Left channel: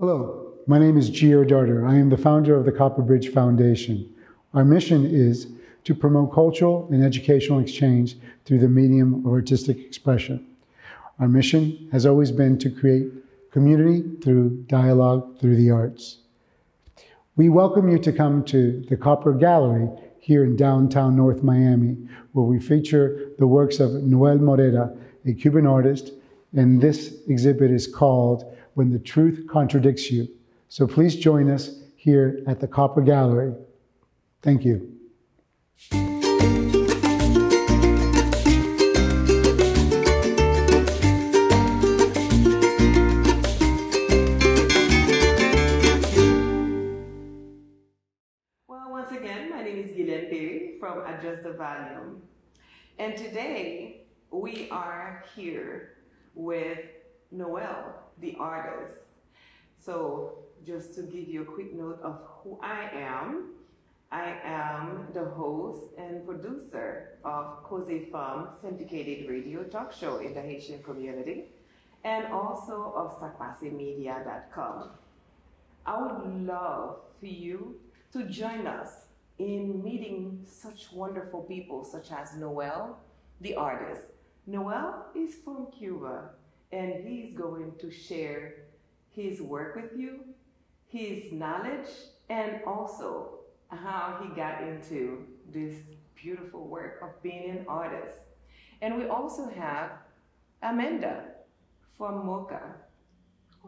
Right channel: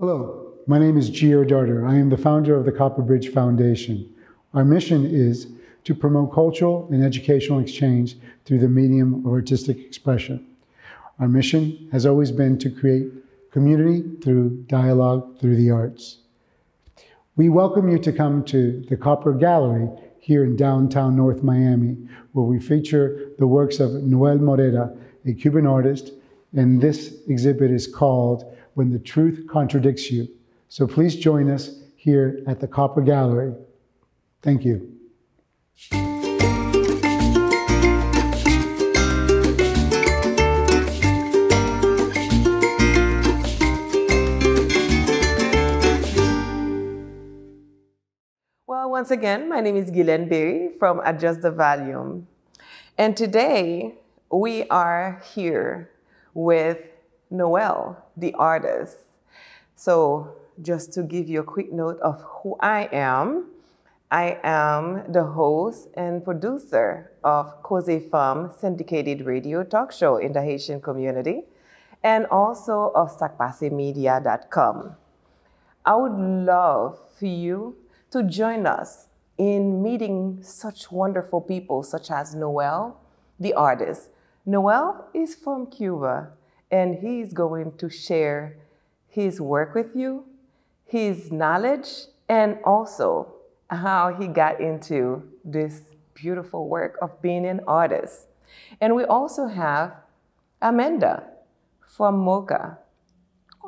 Hello, my name is Darder. I am the founder of the Copperbridge Foundation. Our mission is to promote cultural and educational exchange through the medium of artistic expression. Our mission has always been to create community through dialogue through the arts. We welcome you to come to the Copper Gallery here in downtown North Miami, where we feature the works of Noel Morera, a Cuban artist, and this exhibit is called When the Truth Contradicts You. So please join us here at the Copper Gallery. Thank you. Well, once again, my name is Guylene Berry from Adjust the Volume. And today we are here with Noel, the artist. So just to give you a quick note of who I am the host and producer of Cause Femme syndicated radio talk show in the Haitian community, and also of SacPasseMedia.com. I would love for you to join us in meeting such wonderful people such as Noel, the artist. Noel is from Cuba, and he's going to share his work with you, his knowledge, and also how he got into this beautiful work of being an artist. And we also have Amanda from Mocha.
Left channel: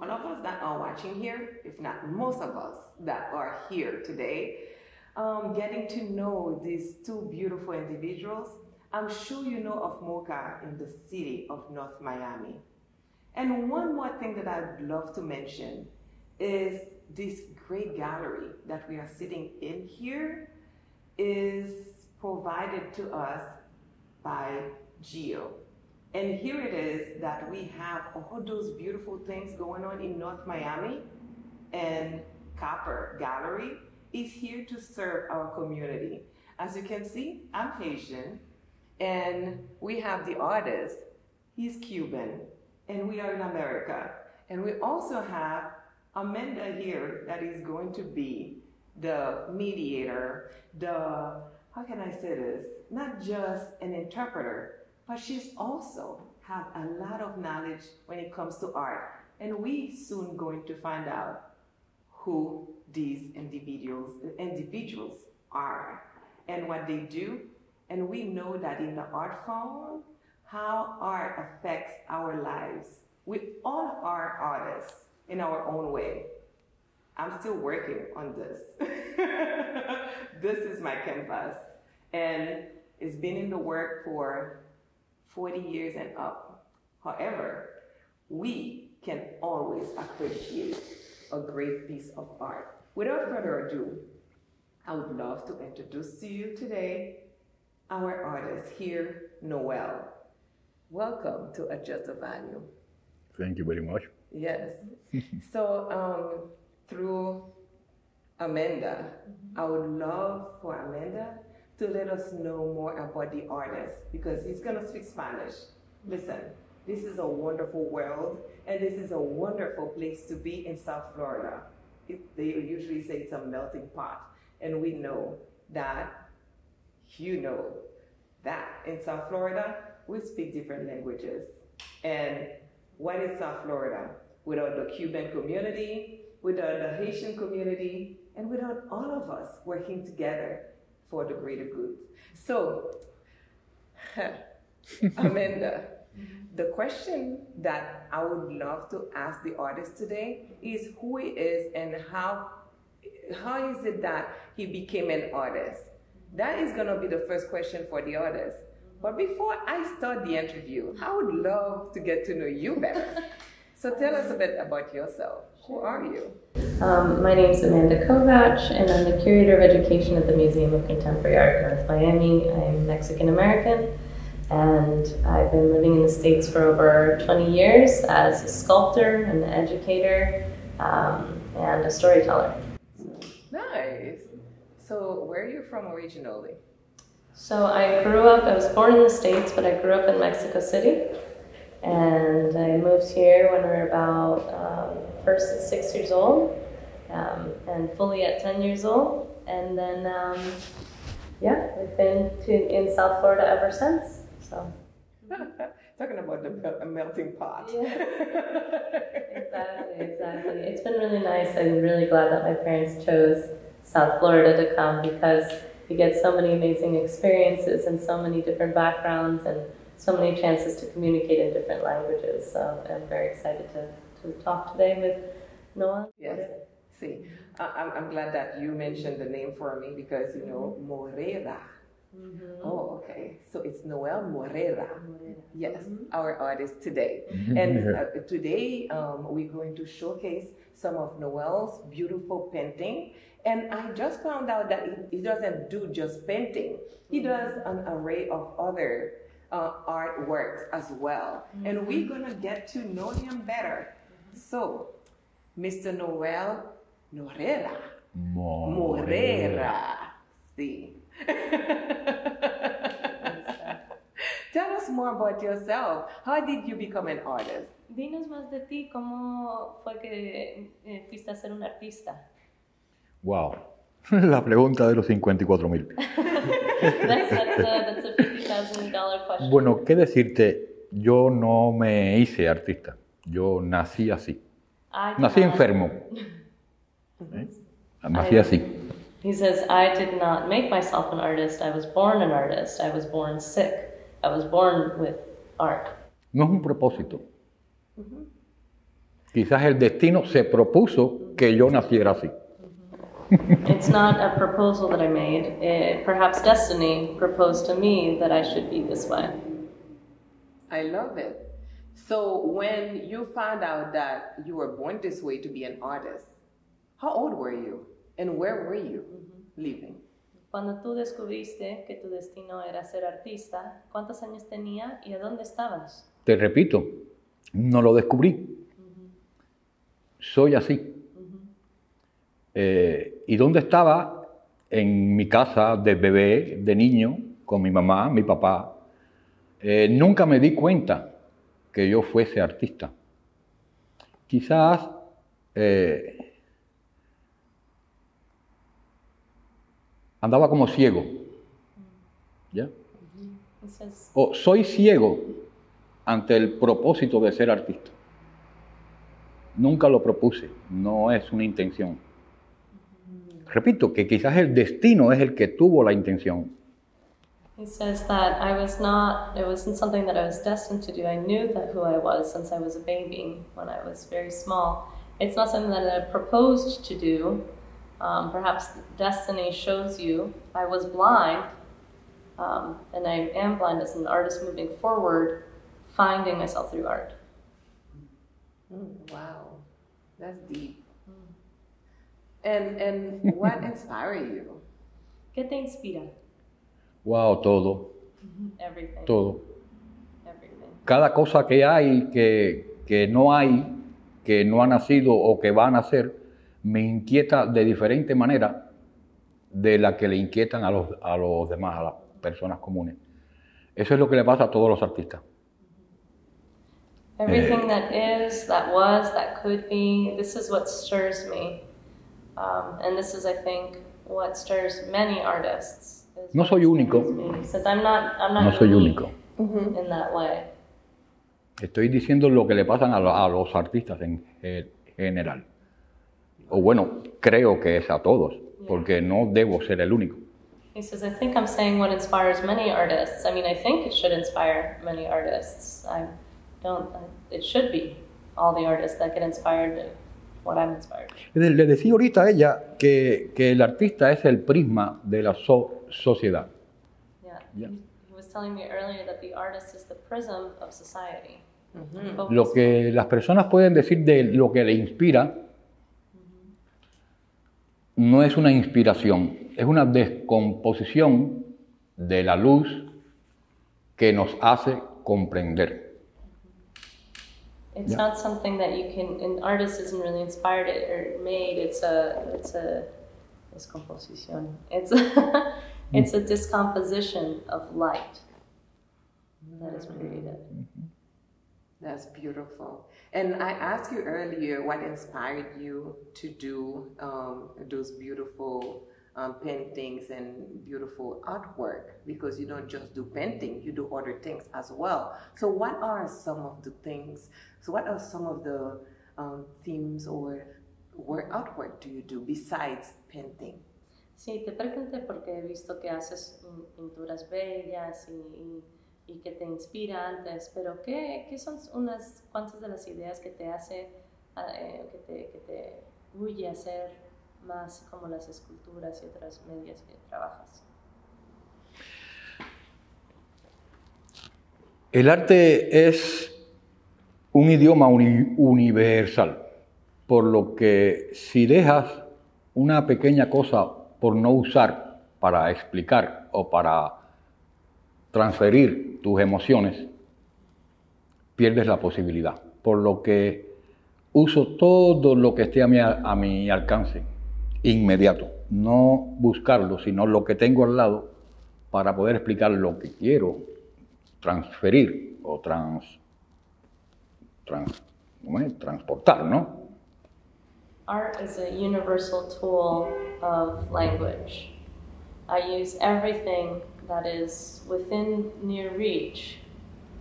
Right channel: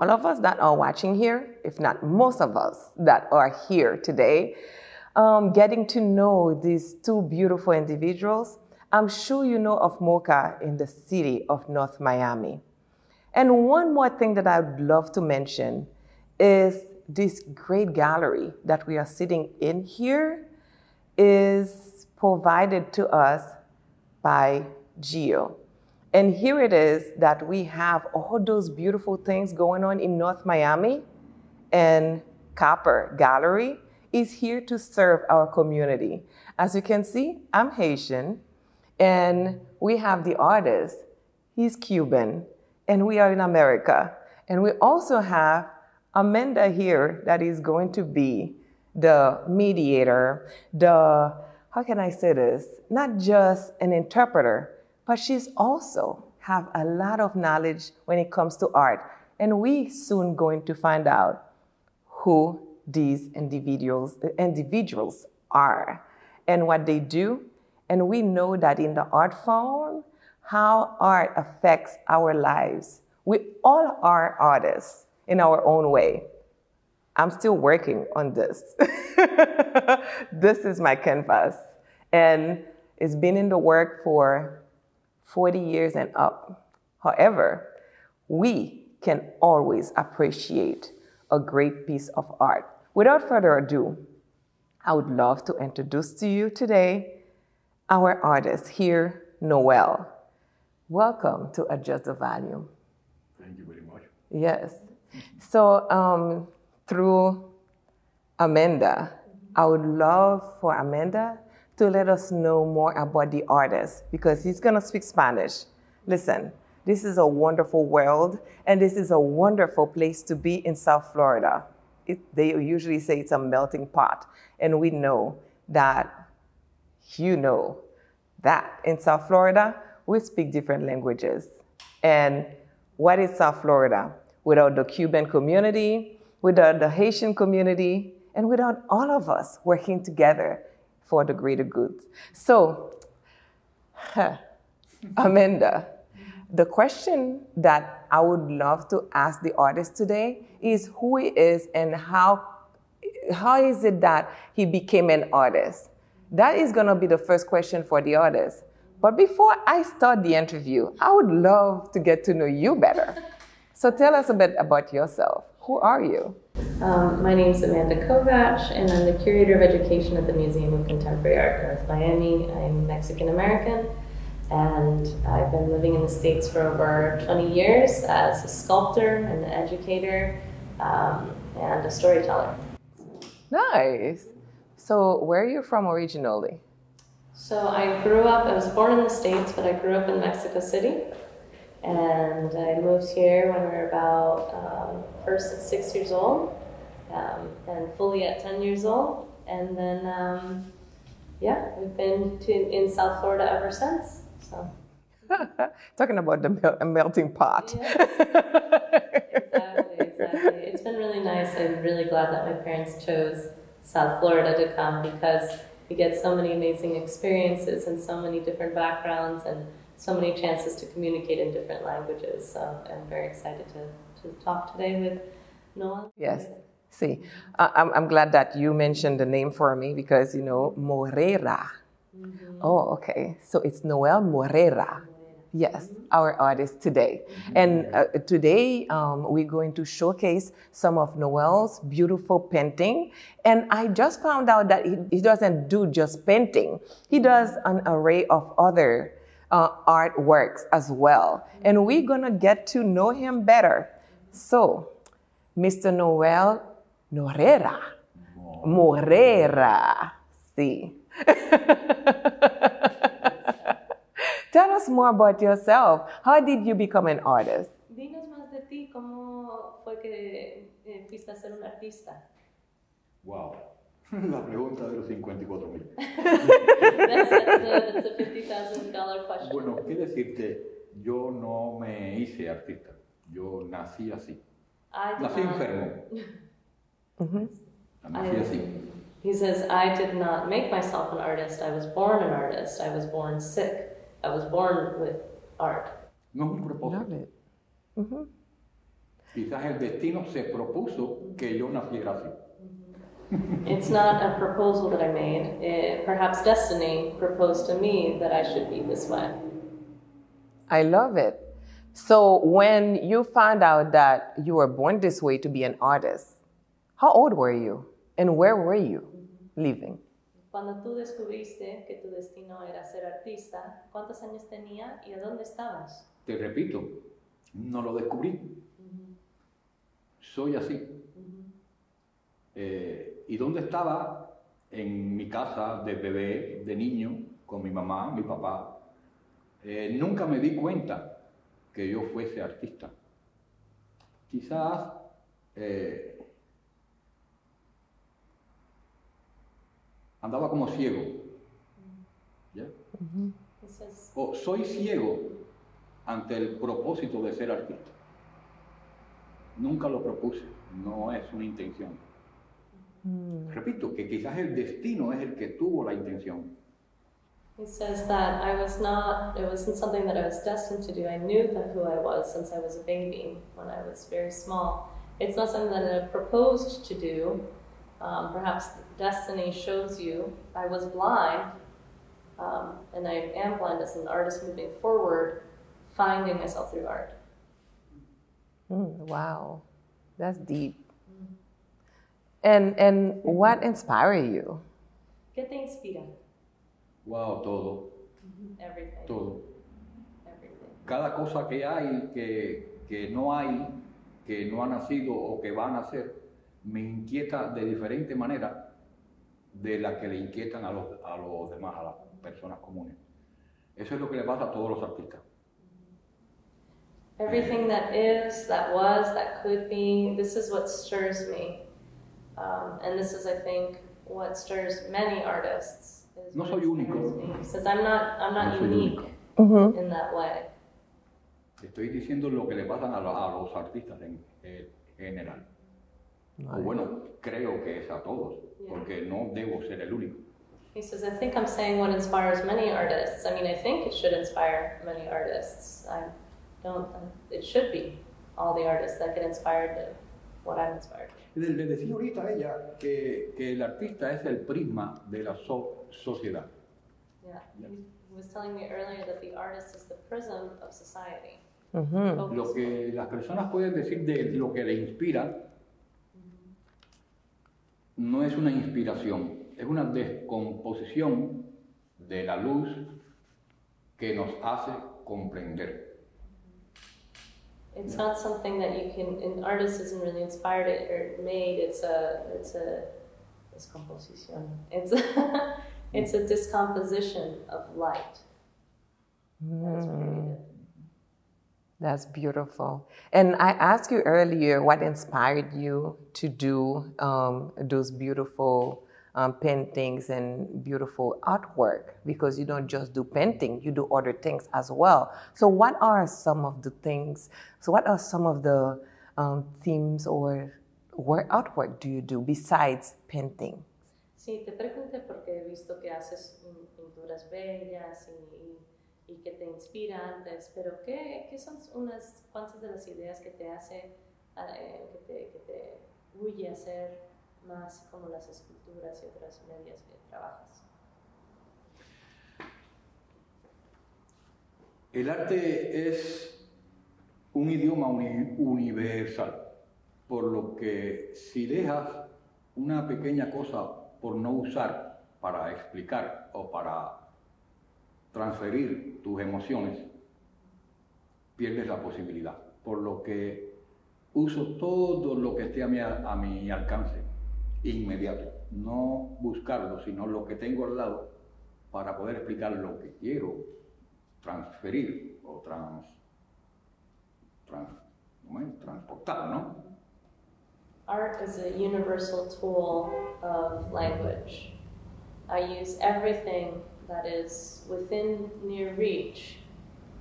All of us that are watching here, if not most of us that are here today, getting to know these two beautiful individuals. I'm sure you know of Mocha in the city of North Miami. And one more thing that I'd love to mention is this great gallery that we are sitting in here is provided to us by Geo. And here it is that we have all those beautiful things going on in North Miami, and Copper Gallery is here to serve our community. As you can see, I'm Haitian, and we have the artist, he's Cuban, and we are in America. And we also have Amanda here that is going to be the mediator, how can I say this? Not just an interpreter, but she's also have a lot of knowledge when it comes to art. And we soon going to find out who these individuals are and what they do. And we know that in the art form, how art affects our lives. We all are artists in our own way. I'm still working on this. This is my canvas. And it's been in the work for 40 years and up. However, we can always appreciate a great piece of art. Without further ado, I would love to introduce to you today our artist here, Noel. Welcome to Adjust the Volume. Thank you very much. Yes. So through Amanda, I would love for Amanda to let us know more about the artist, because he's going to speak Spanish. Listen, this is a wonderful world, and this is a wonderful place to be in South Florida. They usually say it's a melting pot, and we know that, you know, that in South Florida, we speak different languages. And what is South Florida without the Cuban community, without the Haitian community, and without all of us working together for the greater good? So, Amanda, the question that I would love to ask the artist today is who he is and how is it that he became an artist? That is going to be the first question for the artist. But before I start the interview, I would love to get to know you better. So tell us a bit about yourself. Who are you? My name is Amanda Covach, and I'm the Curator of Education at the Museum of Contemporary Art, North Miami. I'm Mexican-American, and I've been living in the States for over 20 years as a sculptor, an educator, and a storyteller. Nice. So where are you from originally? So I was born in the States, but I grew up in Mexico City. And I moved here when we were about first at 6 years old, and fully at 10 years old. And then, yeah, we've been in South Florida ever since. So. Talking about the melting pot. Yeah. Exactly. It's been really nice. I'm really glad that my parents chose South Florida to come, because you get so many amazing experiences and so many different backgrounds and so many chances to communicate in different languages. So I'm very excited to talk today with Noel. Yes. See, I'm glad that you mentioned the name for me, because, you know, Morera. Mm-hmm. Oh, okay. So it's Noel Morera. Yes, our artist today. And today we're going to showcase some of Noel's beautiful painting. And I just found out that he doesn't do just painting. He does an array of other artworks as well. And we're going to get to know him better. So, Mr. Noel Morera. Morera. Sí. Tell us more about yourself. How did you become an artist? Dinos más de ti. ¿Cómo fue que fuiste a ser un artista? Wow. La pregunta de los 54,000. That's a $50,000 question. Bueno, ¿qué decirte? Yo no me hice artista. Yo nací así. Nací enfermo. Nací así. He says, I did not make myself an artist. I was born an artist. I was born sick. I was born with art. No es un propósito. Quizás el destino se propuso que yo naciera así. It's not a proposal that I made. Perhaps destiny proposed to me that I should be this way. I love it. So when you found out that you were born this way to be an artist, how old were you? And where were you living? Cuando tú descubriste que tu destino era ser artista, ¿cuántos años tenía y a dónde estabas? Te repito, no lo descubrí. Soy así. ¿Y dónde estaba? En mi casa de bebé, de niño, con mi mamá, mi papá. Nunca me di cuenta que yo fuese artista. Quizás andaba como ciego. ¿Ya? O soy ciego ante el propósito de ser artista. Nunca lo propuse, no es una intención. Repito, que quizás el destino es el que tuvo la intención. He says that it wasn't something that I was destined to do. I knew that who I was since I was a baby, when I was very small. It's not something that I proposed to do. Perhaps destiny shows you. I was blind, and I am blind as an artist moving forward, finding myself through art. Wow, that's deep. And what inspired you? ¿Qué te inspira? Wow, todo. Everything. Todo. Everything. Cada cosa que hay, que no hay, que no ha nacido o que va a nacer, me inquieta de diferente manera de la que le inquietan a los demás, a las personas comunes. Eso es lo que le pasa a todos los artistas. Everything that is, that was, that could be, this is what stirs me. And this is, I think, what stirs many artists. No soy único. He says, I'm not No soy único. in that way. Estoy diciendo lo que le pasan a los artistas en general. O bueno, creo que es a todos, porque no debo ser el único. He says, I think I'm saying what inspires many artists. I mean, I think it should inspire many artists. It should be all the artists that get inspired to what I'm inspired. Le decía ahorita a ella que el artista es el prisma de la sociedad. Yeah. He was telling me earlier that the artist is the prism of society. Lo que las personas pueden decir de lo que le inspira no es una inspiración, es una descomposición de la luz que nos hace comprender. It's not something that you can. An artist isn't really inspired or made. It's a descomposition. It's a discomposition of light that is created. That's beautiful. And I asked you earlier what inspired you to do those beautiful paintings and beautiful artwork, because you don't just do painting, you do other things as well. So what are some of the things, so what are some of the themes or artwork do you do besides painting? Sí, te pregunté porque he visto que haces pinturas bellas y que te inspira antes, pero ¿qué son unas cuantas de las ideas que te hace, que te huye a hacer más como las esculturas y otras medias que trabajas? El arte es un idioma universal, por lo que si dejas una pequeña cosa por no usar para explicar o para transferir tus emociones, pierdes la posibilidad. Por lo que uso todo lo que esté a mi alcance, inmediato. No buscarlo, sino lo que tengo al lado para poder explicar lo que quiero transferir o transportar, ¿no? Art is a universal tool of language. I use everything that is within near reach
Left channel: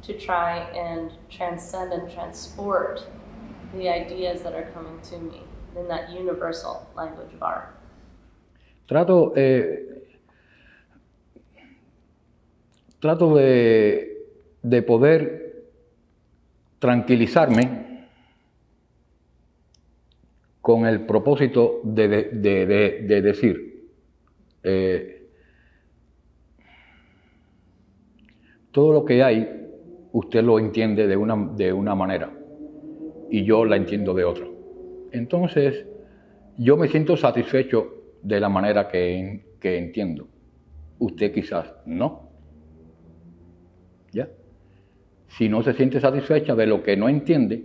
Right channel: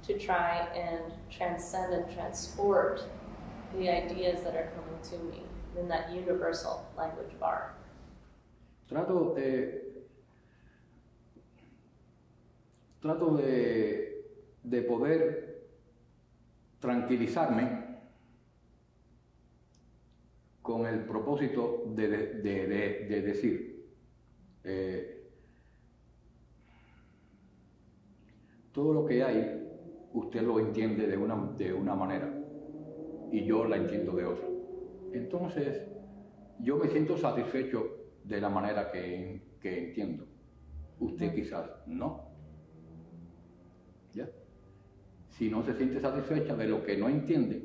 to try and transcend and transport the ideas that are coming to me in that universal language of art. Trato de poder tranquilizarme con el propósito de decir, todo lo que hay, usted lo entiende de una manera y yo la entiendo de otra. Entonces, yo me siento satisfecho de la manera que entiendo. Usted quizás no. ¿Ya? Si no se siente satisfecha de lo que no entiende,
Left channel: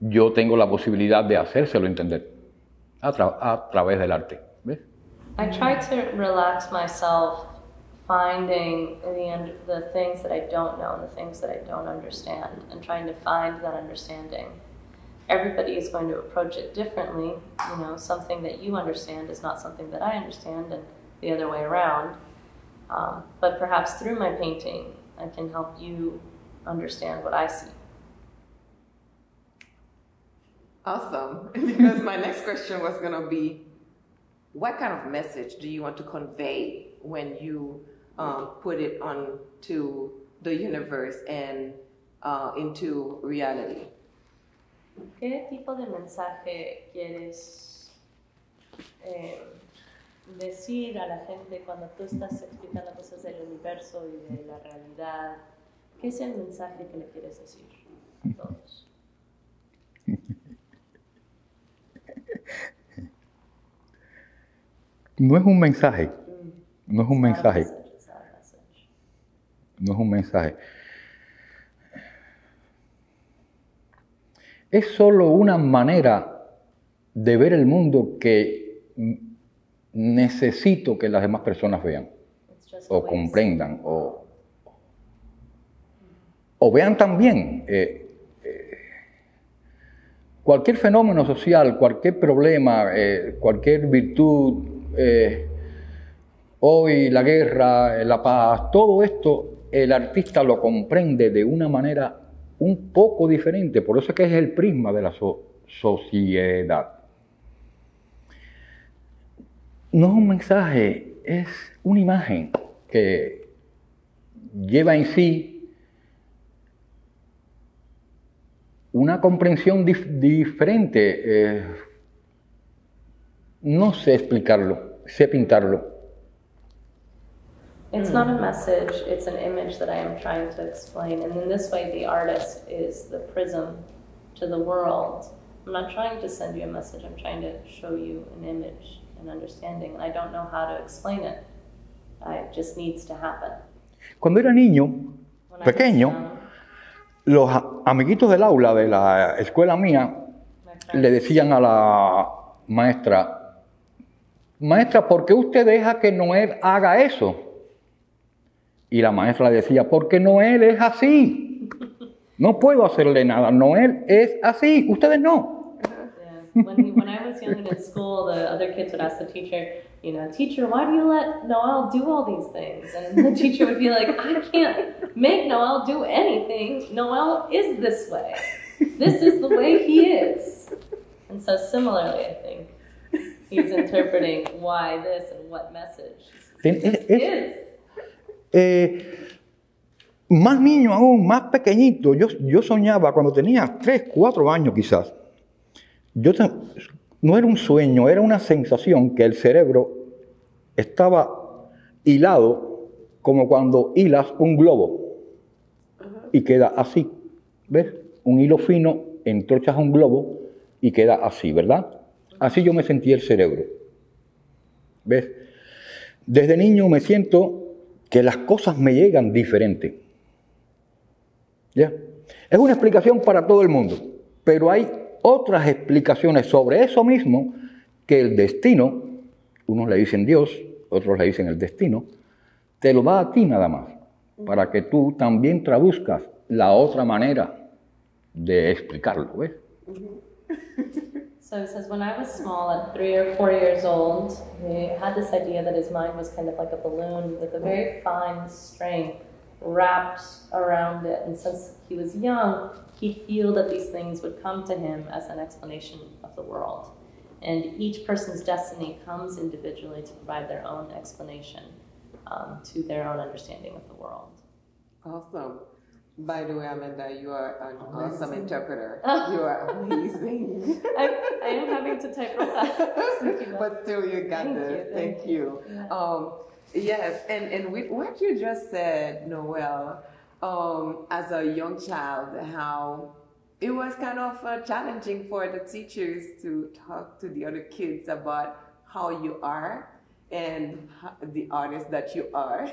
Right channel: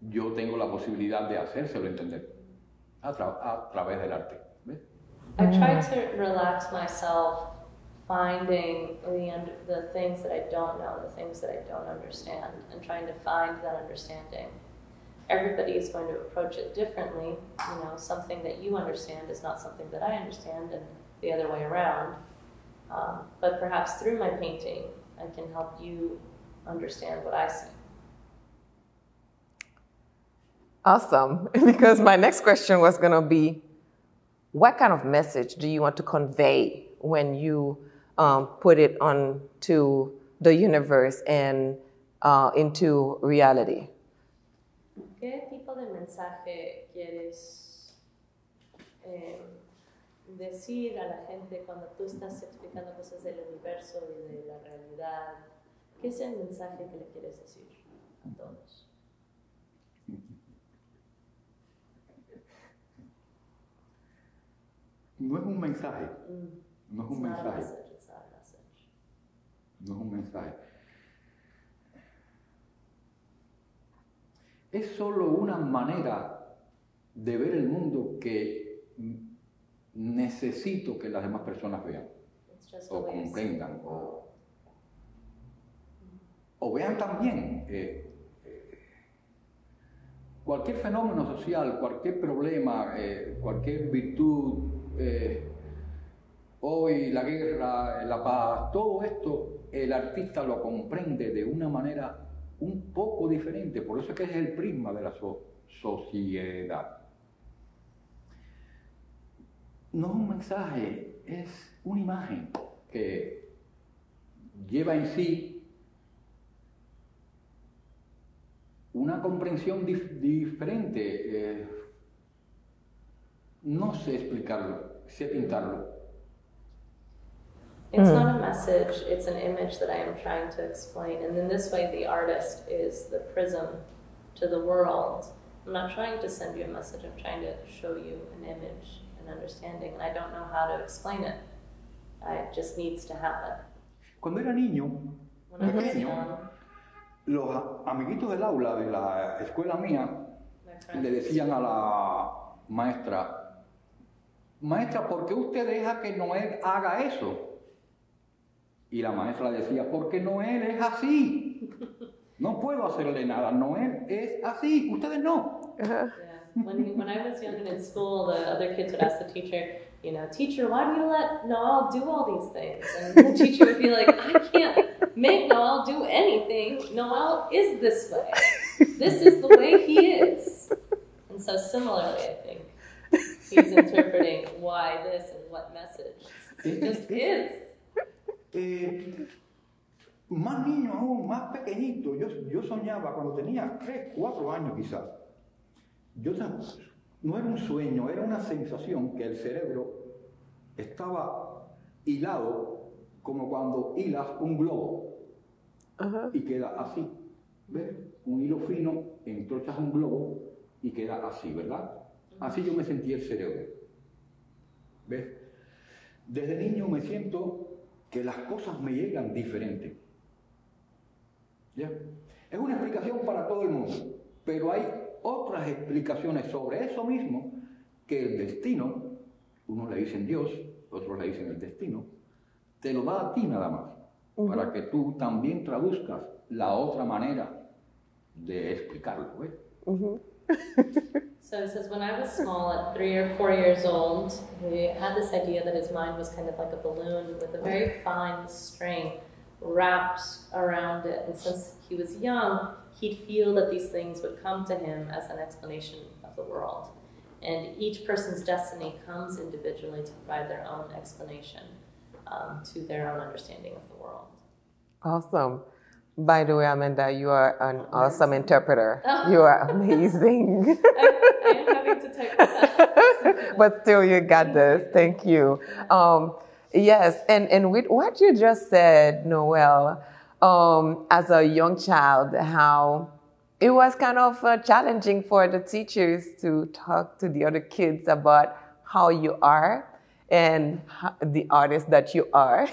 yo tengo la posibilidad de hacérselo entender a través del arte. ¿Ves? I try to relax myself, finding the things that I don't know and the things that I don't understand, and trying to find that understanding. Everybody is going to approach it differently. You know, something that you understand is not something that I understand, and the other way around. But perhaps through my painting, I can help you understand what I see. Awesome. Because my next question was going to be, what kind of message do you want to convey when you put it onto the universe and into reality? ¿Qué tipo de mensaje quieres decir a la gente cuando tú estás explicando cosas del universo y de la realidad? ¿Qué es el mensaje que le quieres decir a todos? No es un mensaje, no es un mensaje, no es un mensaje. Es solo una manera de ver el mundo que necesito que las demás personas vean, o comprendan, o vean también. Cualquier fenómeno social, cualquier problema, cualquier virtud, hoy la guerra, la paz, todo esto el artista lo comprende de una manera un poco diferente, por eso es que es el prisma de la sociedad. No es un mensaje, es una imagen que lleva en sí una comprensión diferente. No sé explicarlo, sé pintarlo. It's not a message, it's an image that I am trying to explain. And in this way, the artist is the prism to the world. I'm not trying to send you a message, I'm trying to show you an image, an understanding. And I don't know how to explain it. It just needs to happen. Cuando era niño, pequeño, los amiguitos del aula de la escuela mía le decían a la maestra, maestra, ¿por qué usted deja que Noel haga eso? Y la maestra le decía, porque Noel es así. No puedo hacerle nada. Noel es así, ustedes no. Yeah. When I was young in school, the other kids would ask the teacher, you know, teacher, why do you let Noel do all these things? And the teacher would be like, I can't make Noel do anything. Noel is this way. This is the way he is. And so similarly, I think, he's interpreting why this and what message is. Más niño aún, más pequeñito, yo soñaba cuando tenía 3, 4 años quizás. No era un sueño, era una sensación que el cerebro estaba hilado como cuando hilas un globo y queda así, ¿ves? Un hilo fino, entorchas un globo y queda así, ¿verdad? Así yo me sentí el cerebro, ¿ves? Desde niño me siento que las cosas me llegan diferentes. ¿Ya? Es una explicación para todo el mundo, pero hay otras explicaciones sobre eso mismo que el destino, unos le dicen Dios, otros le dicen el destino, te lo da a ti nada más, para que tú también traduzcas la otra manera de explicarlo, ¿ves? So it says, when I was small, at 3 or 4 years old, we had this idea that his mind was kind of like a balloon with a very fine string wrapped around it. And since he was young, he'd feel that these things would come to him as an explanation of the world. And each person's destiny comes individually to provide their own explanation to their own understanding of the world. Awesome. By the way, Amanda, you are an awesome interpreter. You are amazing. I am having to take that. But still, you got this. Thank you. Yes, and with what you just said, Noel, as a young child, how it was kind of challenging for the teachers to talk to the other kids about how you are and the artist that you are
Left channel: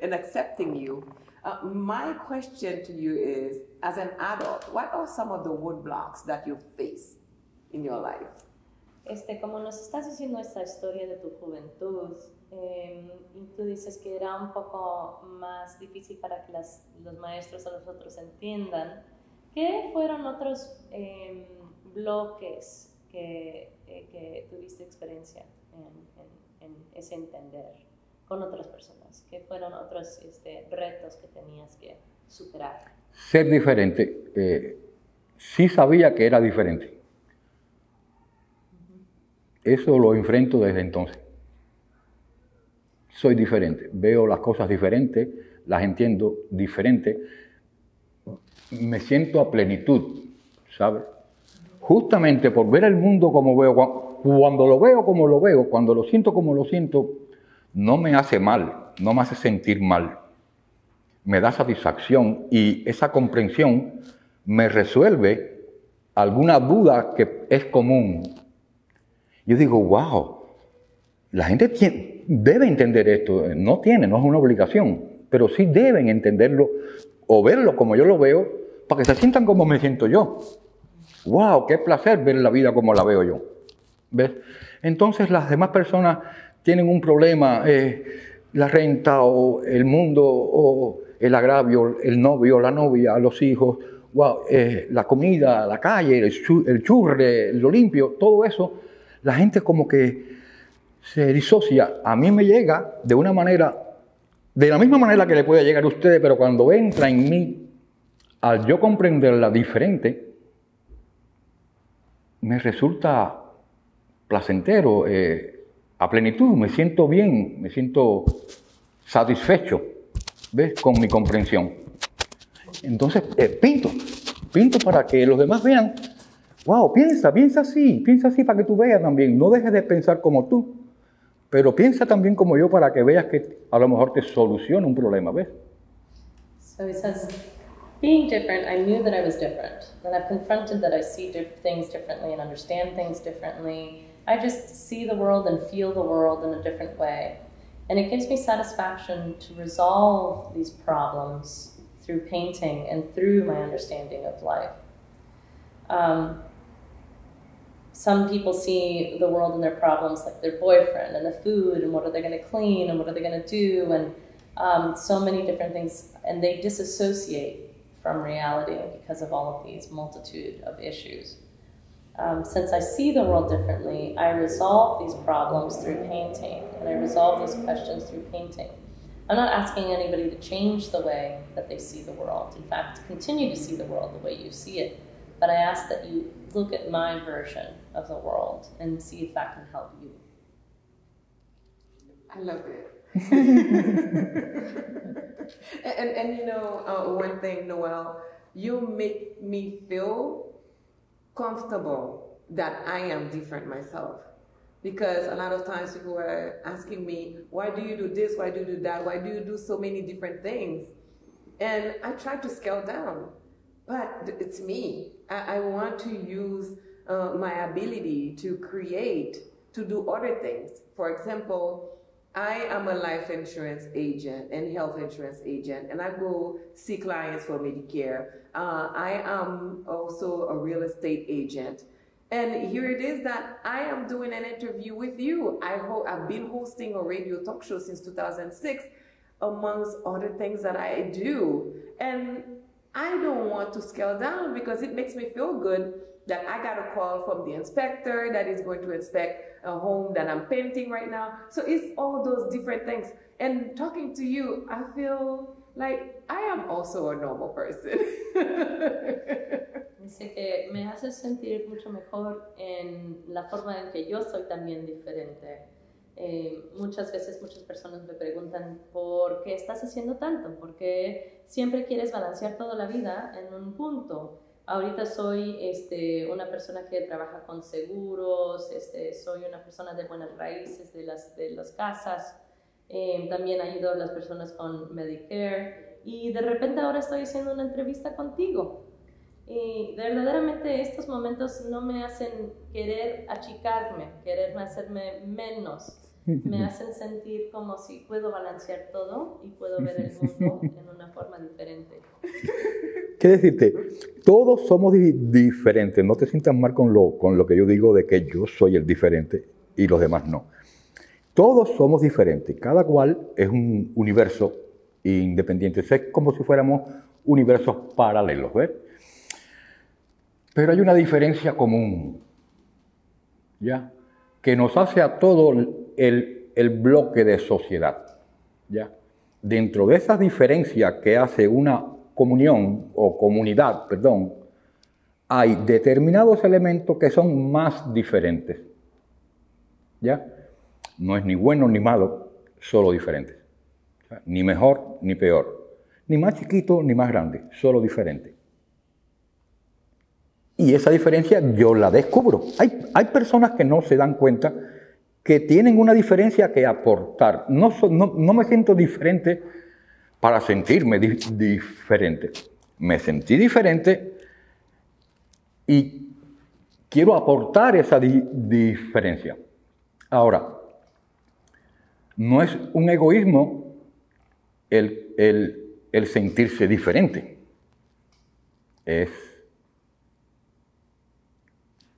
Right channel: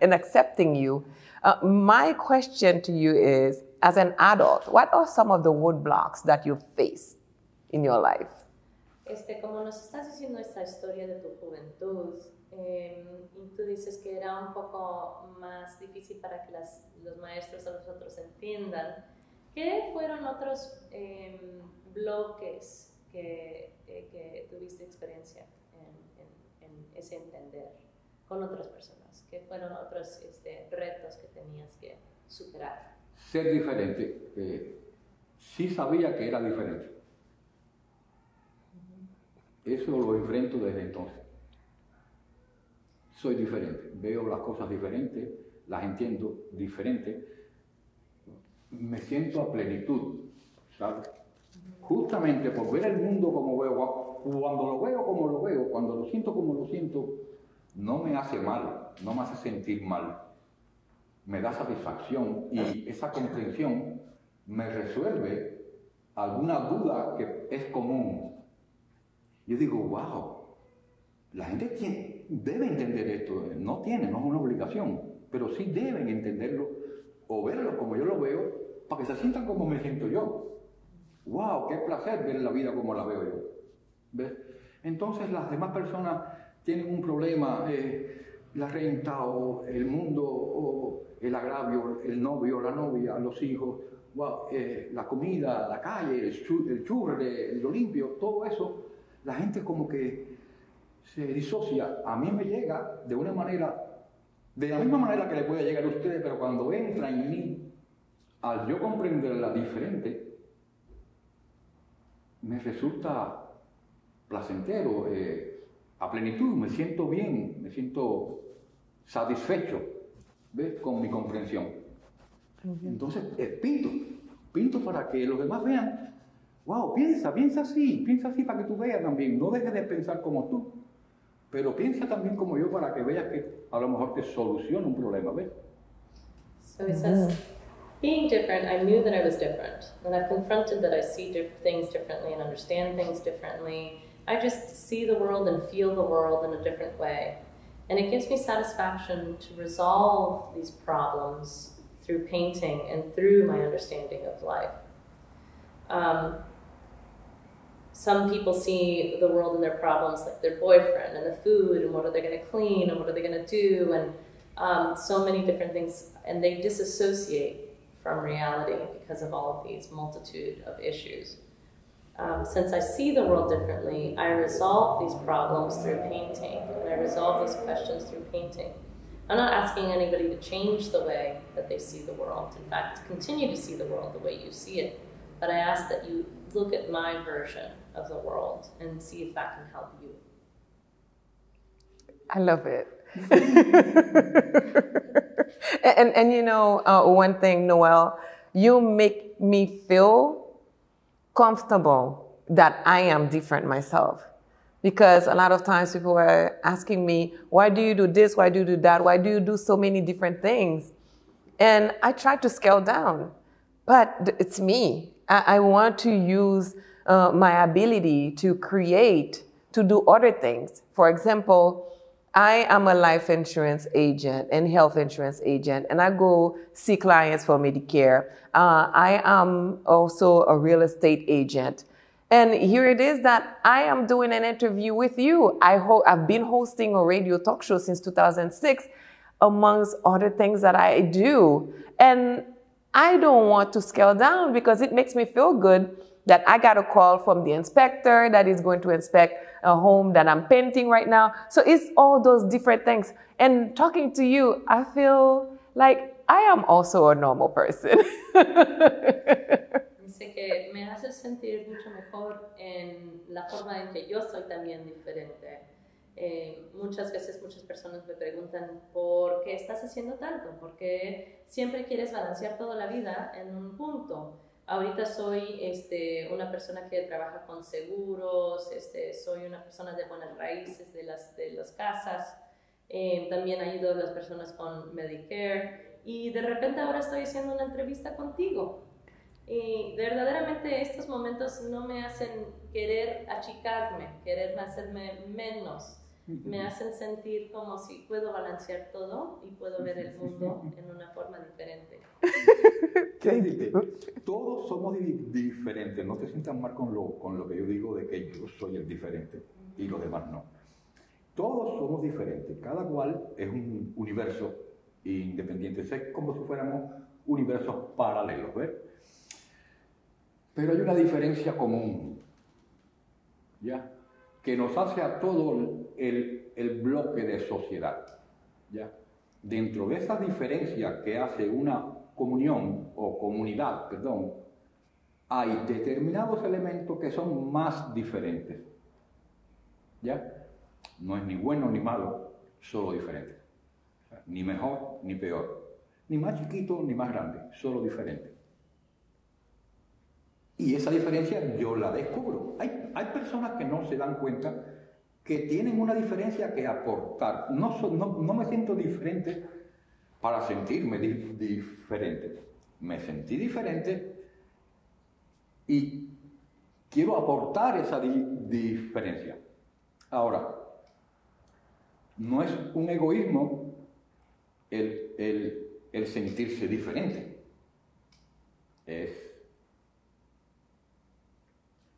and accepting you. My question to you is, as an adult, what are some of the roadblocks that you face in your life? Como nos estás diciendo esta historia de tu juventud, y tú dices que era un poco más difícil para que los maestros o los otros entiendan, ¿qué fueron otros bloques que tuviste experiencia en ese entender con otras personas? ¿Qué fueron otros retos que tenías que superar? Ser diferente. Sí sabía que era diferente. Eso lo enfrento desde entonces. Soy diferente. Veo las cosas diferentes, las entiendo diferente. Me siento a plenitud, ¿sabes? Justamente por ver el mundo como veo, cuando lo veo como lo veo, cuando lo siento como lo siento, no me hace mal, no me hace sentir mal. Me da satisfacción y esa comprensión me resuelve alguna duda que es común. Yo digo, wow, la gente debe entender esto. No es una obligación, pero sí deben entenderlo o verlo como yo lo veo para que se sientan como me siento yo. Wow, qué placer ver la vida como la veo yo. ¿Ves? Entonces las demás personas tienen un problema, la renta o el mundo o el agravio, el novio, la novia, los hijos, wow, la comida, la calle, el churre, lo limpio, todo eso, la gente como que se disocia. A mí me llega de una manera, de la misma manera que le puede llegar a ustedes, pero cuando entra en mí, al yo comprenderla diferente, me resulta placentero, a plenitud, me siento bien, me siento satisfecho, ¿ves? Con mi comprensión. Entonces, pinto para que los demás vean, wow, piensa así para que tú veas también. No dejes de pensar como tú, pero piensa también como yo para que veas que a lo mejor te soluciona un problema, ¿ves? So it says, being different, I knew that I was different. And I've confronted that I see things differently and understand things differently. I just see the world and feel the world in a different way. And it gives me satisfaction to resolve these problems through painting and through my understanding of life. Some people see the world and their problems like their boyfriend and the food and what are they going to clean and what are they going to do and so many different things, and they disassociate from reality because of all of these multitude of issues. Since I see the world differently, I resolve these problems through painting, and I resolve these questions through painting. I'm not asking anybody to change the way that they see the world. In fact, continue to see the world the way you see it. But I ask that you look at my version of the world and see if that can help you. I love it. and you know, one thing, Noel, you make me feel comfortable that I am different myself. Because a lot of times people are asking me, why do you do this? Why do you do that? Why do you do so many different things? And I try to scale down, but it's me. I want to use my ability to create, to do other things. For example, I am a life insurance agent and health insurance agent, and I go see clients for Medicare. I am also a real estate agent. And here it is that I am doing an interview with you. I've been hosting a radio talk show since 2006, amongst other things that I do. And I don't want to scale down because it makes me feel good that I got a call from the inspector that is going to inspect a home that I'm painting right now. So it's all those different things. And talking to you, I feel like I am also a normal person. Dice que me hace sentir mucho mejor en la forma en que yo soy también diferente. Muchas veces muchas personas me preguntan ¿por qué estás haciendo tanto? ¿Por qué siempre quieres balancear toda la vida en un punto? Ahorita soy una persona que trabaja con seguros, soy una persona de buenas raíces de las casas, también ayudo a las personas con Medicare y de repente ahora estoy haciendo una entrevista contigo. Y verdaderamente estos momentos no me hacen querer achicarme, querer hacerme menos. Me hacen sentir como si puedo balancear todo y puedo ver el mundo en una forma diferente. ¿Qué decirte? Todos somos diferentes. No te sientas mal con lo que yo digo de que yo soy el diferente y los demás no. Todos somos diferentes. Cada cual es un universo independiente. Es como si fuéramos universos paralelos, ¿ves? Pero hay una diferencia común, ¿ya? Que nos hace a todo el bloque de sociedad, ¿ya? Dentro de esas diferencias que hace una comunión o comunidad, perdón, hay determinados elementos que son más diferentes, ¿ya? No es ni bueno ni malo, solo diferentes. Ni mejor ni peor, ni más chiquito ni más grande, solo diferente. Y esa diferencia yo la descubro. Hay personas que no se dan cuenta que tienen una diferencia que aportar. No me siento diferente para sentirme diferente. Me sentí diferente y quiero aportar esa diferencia. Ahora, no es un egoísmo el sentirse diferente. Es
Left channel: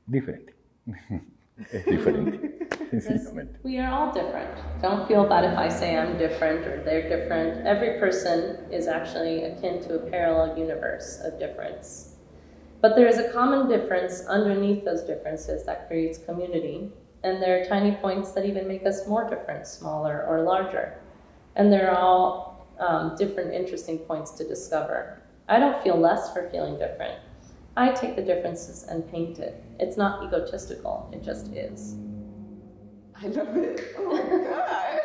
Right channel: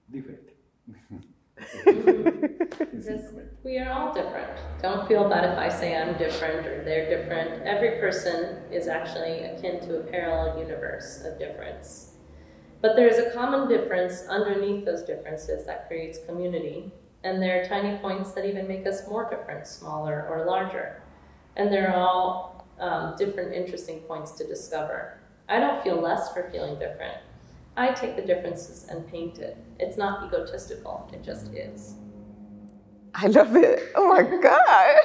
diferente. Es diferente. We are all different. Don't feel bad if I say I'm different or they're different. Every person is actually akin to a parallel universe of difference. But there is a common difference underneath those differences that creates community. And there are tiny points that even make us more different, smaller or larger. And they're all different, interesting points to discover. I don't feel less for feeling different. I take the differences and paint it. It's not egotistical, it just is. I love it. Oh my God.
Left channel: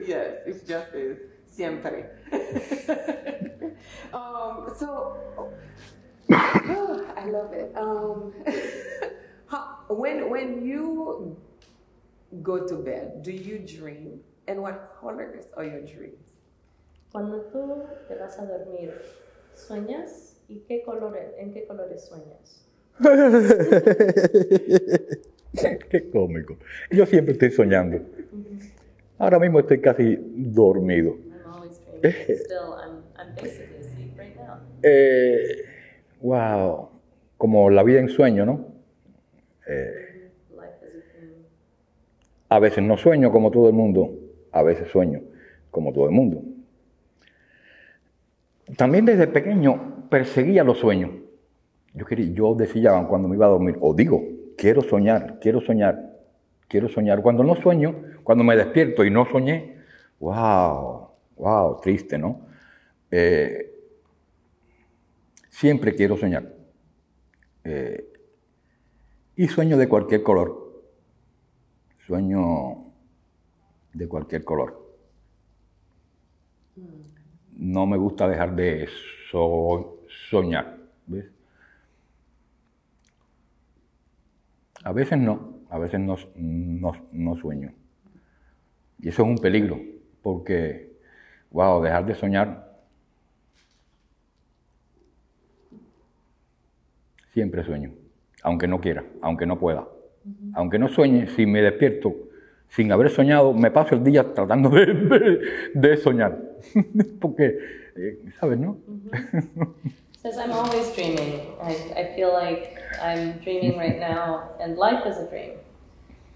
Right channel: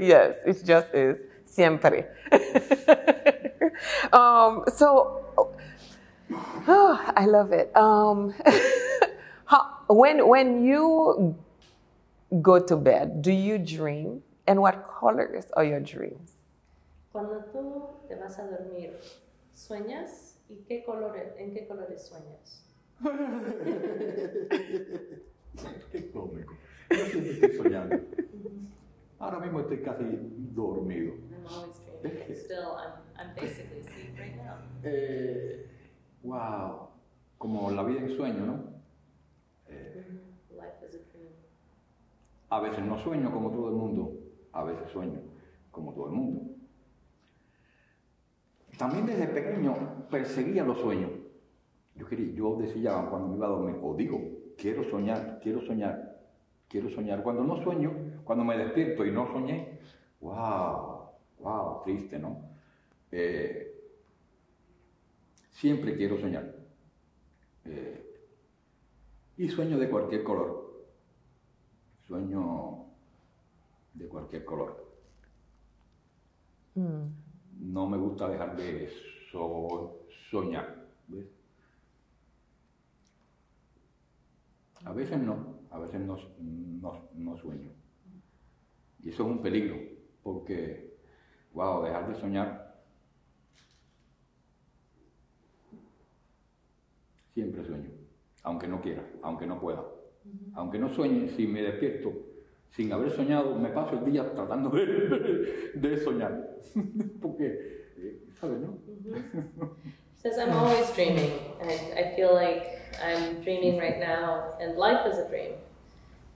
Yes, it just is. Siempre. I love it. When you go to bed, do you dream? And what colors are your dreams? Cuando tú te vas a dormir, ¿sueñas? ¿Y en qué colores sueñas? Qué cómico. Yo siempre estoy soñando. Ahora mismo estoy casi dormido. I'm always dreaming. Still, I'm basically asleep right now. Wow. Como la vida en sueño, ¿no? Life is a dream. A veces no sueño como todo el mundo, a veces sueño como todo el mundo. también desde pequeño perseguía los sueños. Yo decía cuando me iba a dormir, o digo, quiero soñar, quiero soñar, quiero soñar. Cuando no sueño, cuando me despierto y no soñé, wow, triste, ¿no? Siempre quiero soñar. Y sueño de cualquier color. Sueño de cualquier color. No me gusta dejar de soñar, ¿ves? A veces no sueño. Y eso es un peligro, porque, dejar de soñar, siempre sueño, aunque no quiera, aunque no pueda. Aunque no sueñe, si me despierto sin haber soñado, me paso el día tratando de soñar. Porque, ¿sabes, no? Says, I'm always dreaming. I feel like I'm dreaming right now, and life is a dream.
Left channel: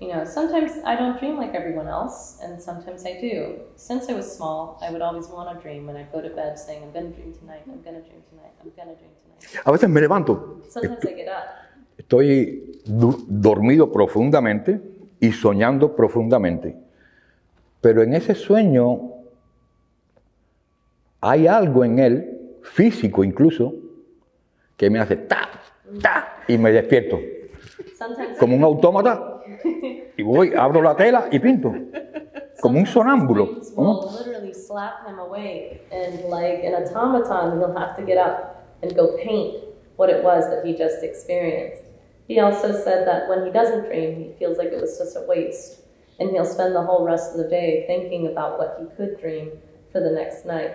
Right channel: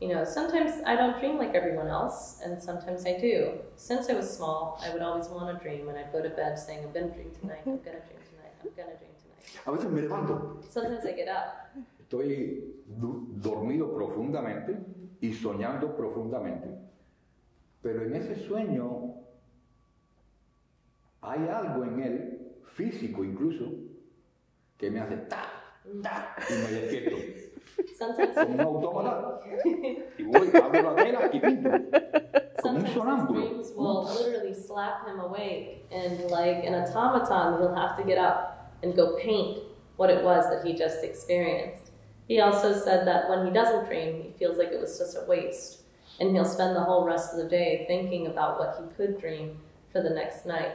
You know, sometimes I don't dream like everyone else, and sometimes I do. Since I was small, I would always want to dream when I go to bed saying, I'm going to dream tonight, I'm going to dream tonight, I'm going to dream tonight. A veces me levanto. Sometimes I get up. Estoy dormido profundamente y soñando profundamente. Pero en ese sueño hay algo en él, físico incluso, que me hace ta, y me despierto. Como un autómata. Y voy, abro la tela y pinto. Como un sonámbulo. Will literally slap him awake, and like an automaton, he'll have to get up and go paint what it was that he just experienced. He also said that when he doesn't dream, he feels like it was just a waste, and he'll spend the whole rest of the day thinking about what he could dream for the next night.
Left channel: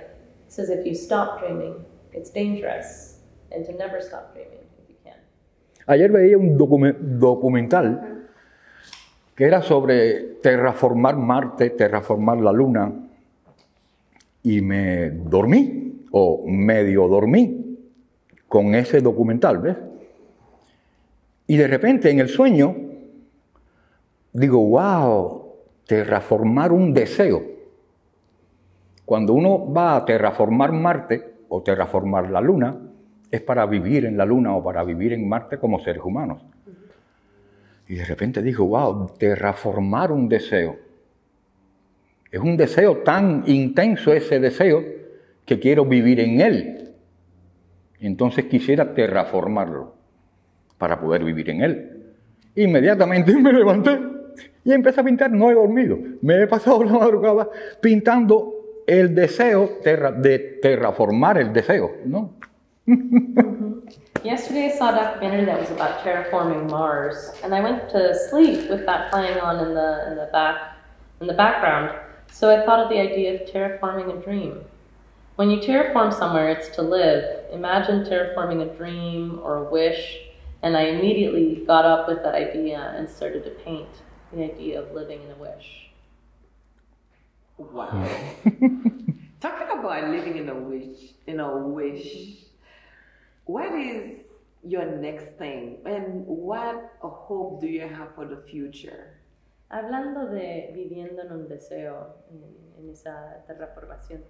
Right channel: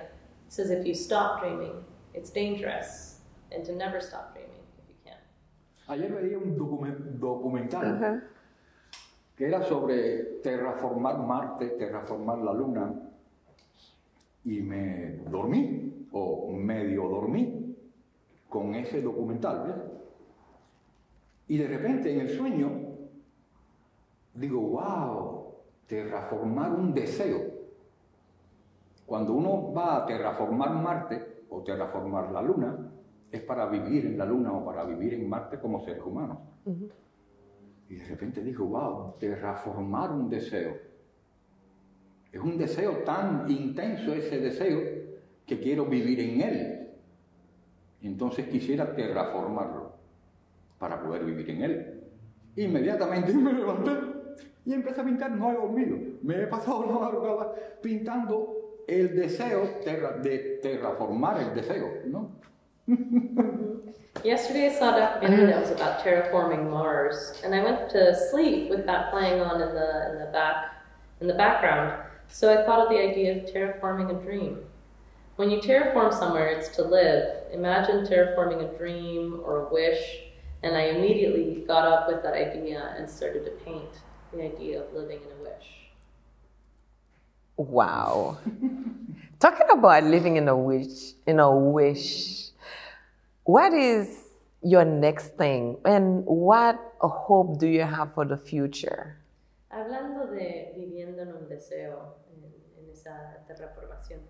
He says if you stop dreaming, it's dangerous, and to never stop dreaming if you can. Ayer veía un documental que era sobre terraformar Marte, terraformar la Luna, y me dormí, o medio dormí, con ese documental, ¿ves? Y de repente en el sueño digo, terraformar un deseo. Cuando uno va a terraformar Marte o terraformar la Luna, es para vivir en la Luna o para vivir en Marte como seres humanos. Y de repente digo, terraformar un deseo. Es un deseo tan intenso ese deseo que quiero vivir en él. Entonces quisiera terraformarlo para poder vivir en él. Inmediatamente me levanté y empecé a pintar. No he dormido. Me he pasado la madrugada pintando el deseo de terraformar el deseo, ¿no? Yesterday I saw a documentary that was about terraforming Mars, and I went to sleep with that playing on in the background. So I thought of the idea of terraforming a dream. When you terraform somewhere, it's to live. Imagine terraforming a dream or a wish. And I immediately got up with the idea and started to paint the idea of living in a wish. Wow. Talking about living in a wish, what is your next thing and what hope do you have for the future? Hablando de viviendo en un deseo, en esa terraformación,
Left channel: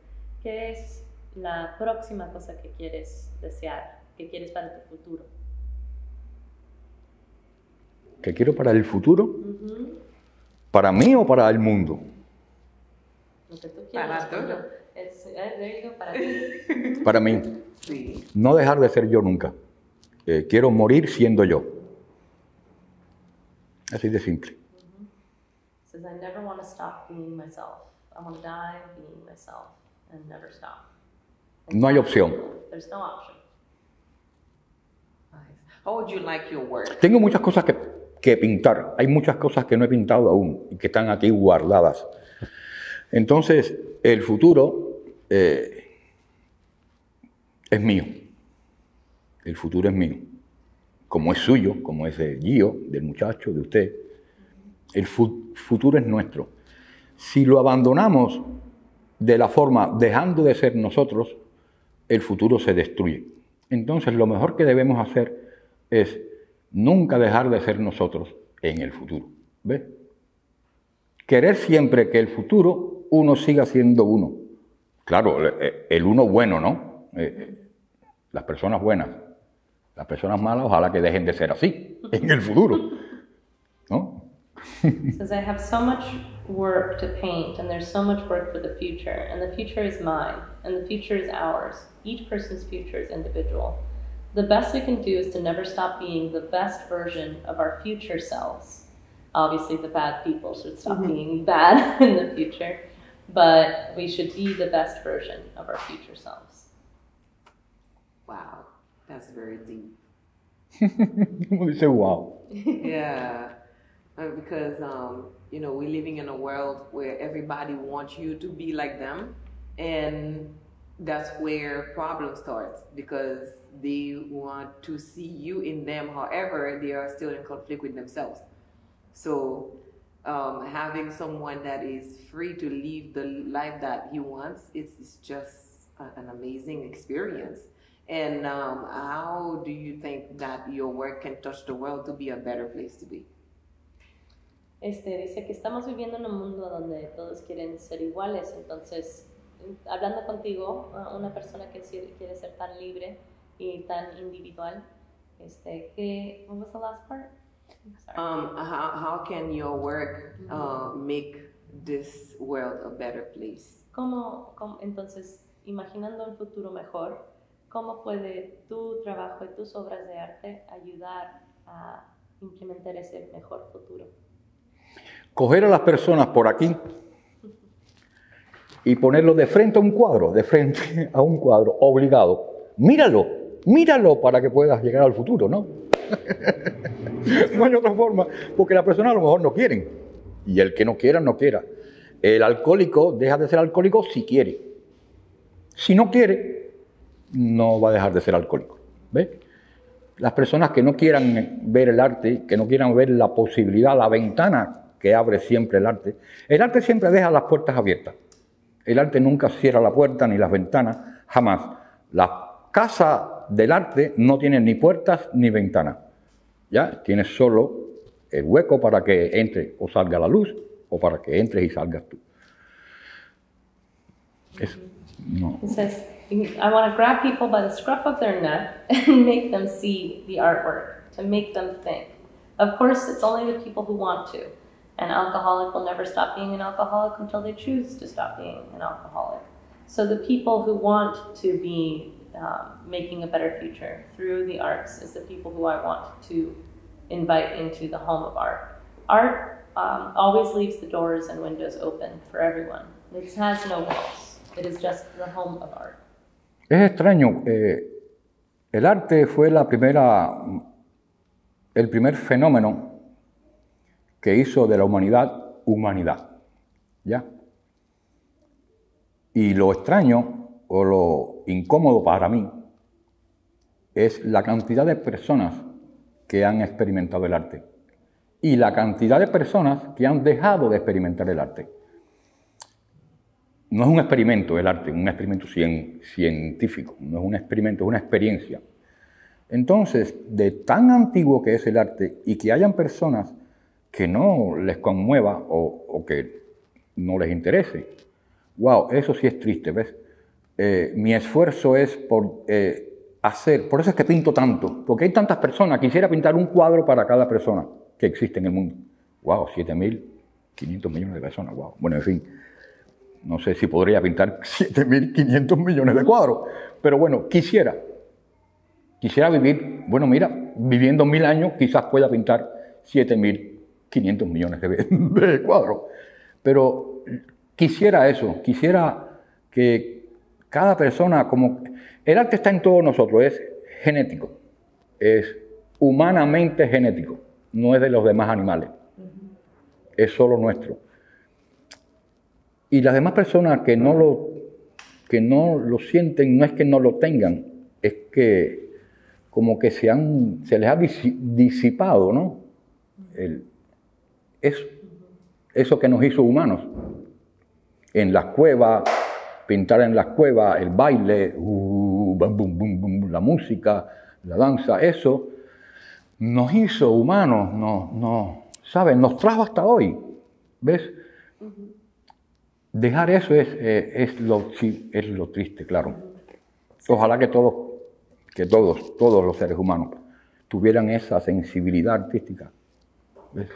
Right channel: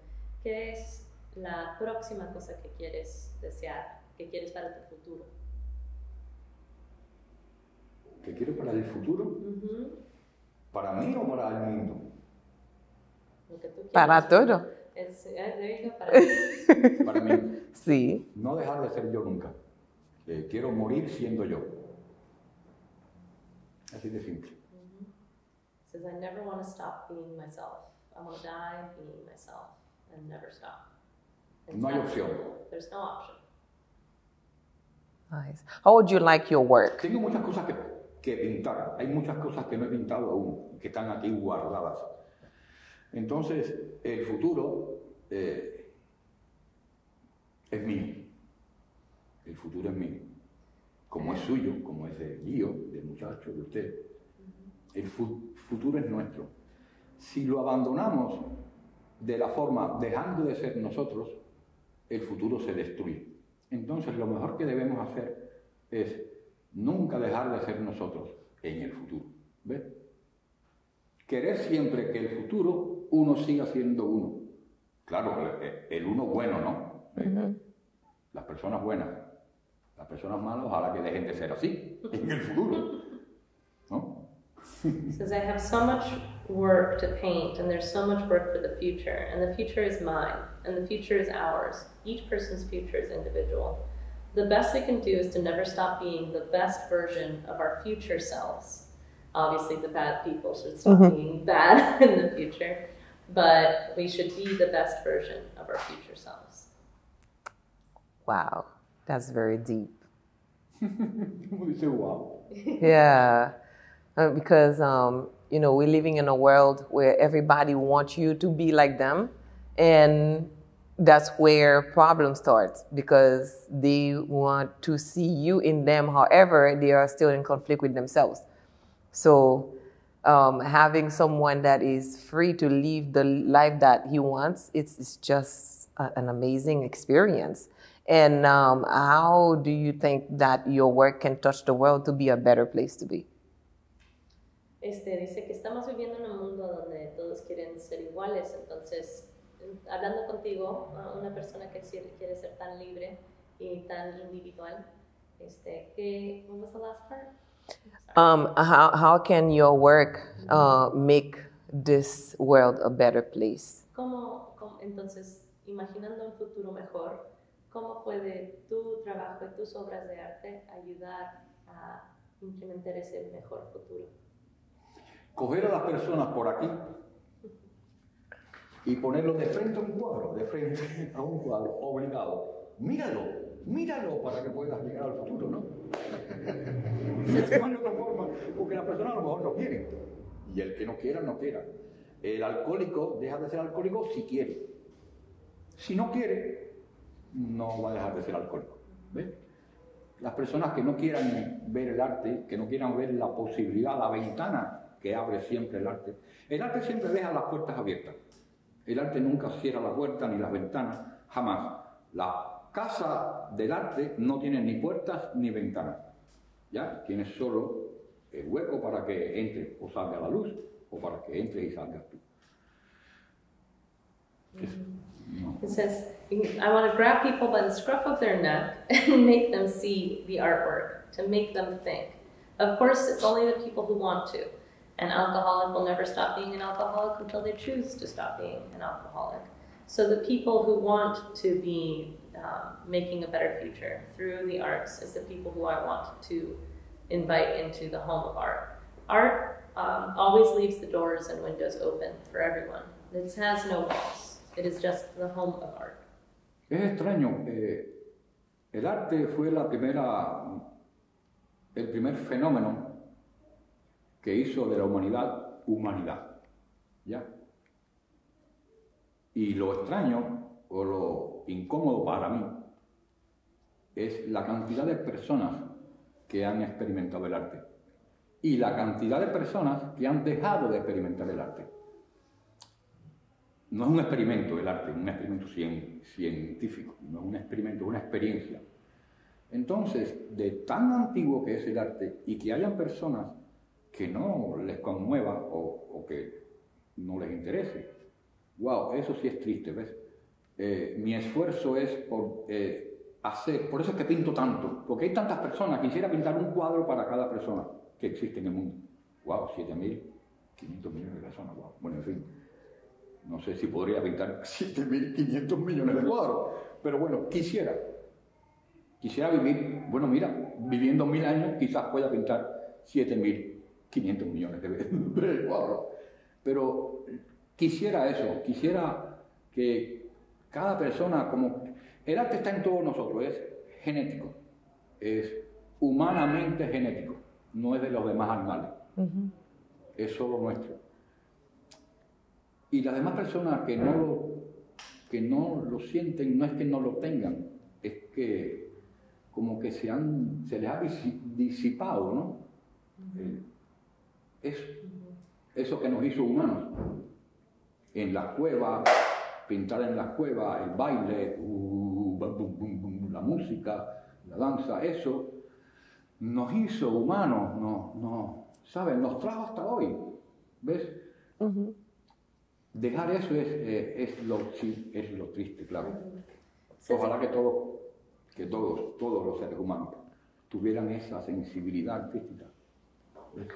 ¿qué es la próxima cosa que quieres desear, que quieres para tu futuro? ¿Qué quiero para el futuro? ¿Para mí o para el mundo? Para todo. Para mí. Sí. No dejar de ser yo nunca. Quiero morir siendo yo. Así de simple. Says I never want to stop being myself. I want to die being myself and never stop. No hay opción. There's no option. Nice. How would you like your work? Tengo muchas cosas que pintar. Hay muchas cosas que no he pintado aún y que están aquí guardadas. Entonces, el futuro es mío. El futuro es mío. Como es suyo, como es de Gio, del muchacho, de usted. El futuro es nuestro. Si lo abandonamos de la forma dejando de ser nosotros, el futuro se destruye. Entonces, lo mejor que debemos hacer es nunca dejar de ser nosotros en el futuro. ¿Ves? Querer siempre que el futuro uno siga siendo uno. Claro, el uno bueno, ¿no? Las personas buenas, las personas malas, ojalá que dejen de ser así en el futuro, ¿no? Says, I have so much work to paint, and there's so much work for the future, and the future is mine, and the future is ours. Each person's future is individual. The best we can do is to never stop being the best version of our future selves. Obviously, the bad people should stop being bad in the future, but we should be the best version of our future selves. Wow, that's very deep. Como dice, wow. Yeah, because you know, we're living in a world where everybody wants you to be like them, and that's where problems start, because they want to see you in them. However, they are still in conflict with themselves. So having someone that is free to live the life that he wants, it's just an amazing experience. And how do you think that your work can touch the world to be a better place to be? Dice que estamos viviendo en un mundo donde todos quieren ser iguales, entonces, hablando contigo, una persona que quiere ser tan libre y tan individual, what was the last part? How can your work make this world a better place? Entonces, imaginando un futuro mejor, ¿cómo puede tu trabajo y tus obras de arte ayudar a implementar ese mejor futuro? Coger a las personas por aquí y ponerlo de frente a un cuadro, obligado. Míralo para que puedas llegar al futuro, ¿no? No hay otra forma, porque las personas a lo mejor no quieren. Y el que no quiera, no quiera. El alcohólico deja de ser alcohólico si quiere. Si no quiere, no va a dejar de ser alcohólico. ¿Ves? Las personas que no quieran ver el arte, que no quieran ver la posibilidad, la ventana que abre siempre el arte siempre deja las puertas abiertas. El arte nunca cierra la puerta ni las ventanas, jamás. La casa del arte no tiene ni puertas ni ventanas. ¿Ya? Tiene solo el hueco para que entre o salga la luz, o para que entres y salgas tú. Eso. No. It says, I want to grab people by the scruff of their neck and make them see the artwork, to make them think. Of course, it's only the people who want to. An alcoholic will never stop being an alcoholic until they choose to stop being an alcoholic. So the people who want to be making a better future through the arts is the people who I want to invite into the home of art. Art always leaves the doors and windows open for everyone. It has no walls. It is just the home of art. Es extraño. El arte fue el primer fenómeno que hizo de la humanidad, ¿ya? Y lo extraño o lo incómodo para mí es la cantidad de personas que han experimentado el arte y la cantidad de personas que han dejado de experimentar el arte. No es un experimento el arte, un experimento científico, no es un experimento, es una experiencia. Entonces, de tan antiguo que es el arte y que hayan personas que no les conmueva o que no les interese, wow, eso sí es triste, ¿ves? Mi esfuerzo es por eso es que pinto tanto, porque hay tantas personas, quisiera pintar un cuadro para cada persona que existe en el mundo. Wow, 7.500 millones de personas, wow. Bueno, en fin, no sé si podría pintar 7.500 millones de cuadros, pero bueno, quisiera vivir, bueno, mira, viviendo 1000 años quizás pueda pintar 7.500 millones de cuadros, pero quisiera eso, quisiera que cada persona, como el arte está en todos nosotros, es genético, es humanamente genético, no es de los demás animales, es solo nuestro. Y las demás personas que no lo sienten, no es que no lo tengan, es que como que se les ha disipado, ¿no? Eso que nos hizo humanos. En las cuevas, pintar en las cuevas, el baile, bum, bum, bum, bum, la música, la danza, eso nos hizo humanos, ¿sabes? Nos trajo hasta hoy, ¿ves? Dejar eso es lo triste, claro. Ojalá que todos los seres humanos tuvieran esa sensibilidad artística. ¿Ves?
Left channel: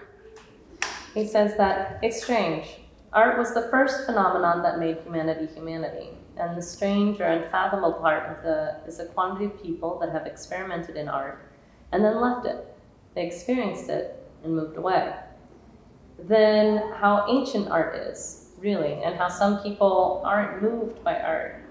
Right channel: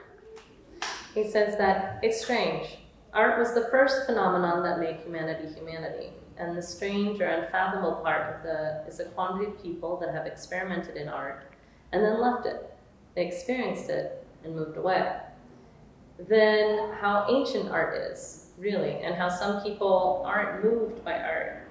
He says that it's strange. Art was the first phenomenon that made humanity humanity. And the strange or unfathomable part is the quantity of people that have experimented in art and then left it. They experienced it and moved away. Then how ancient art is, really, and how some people aren't moved by art.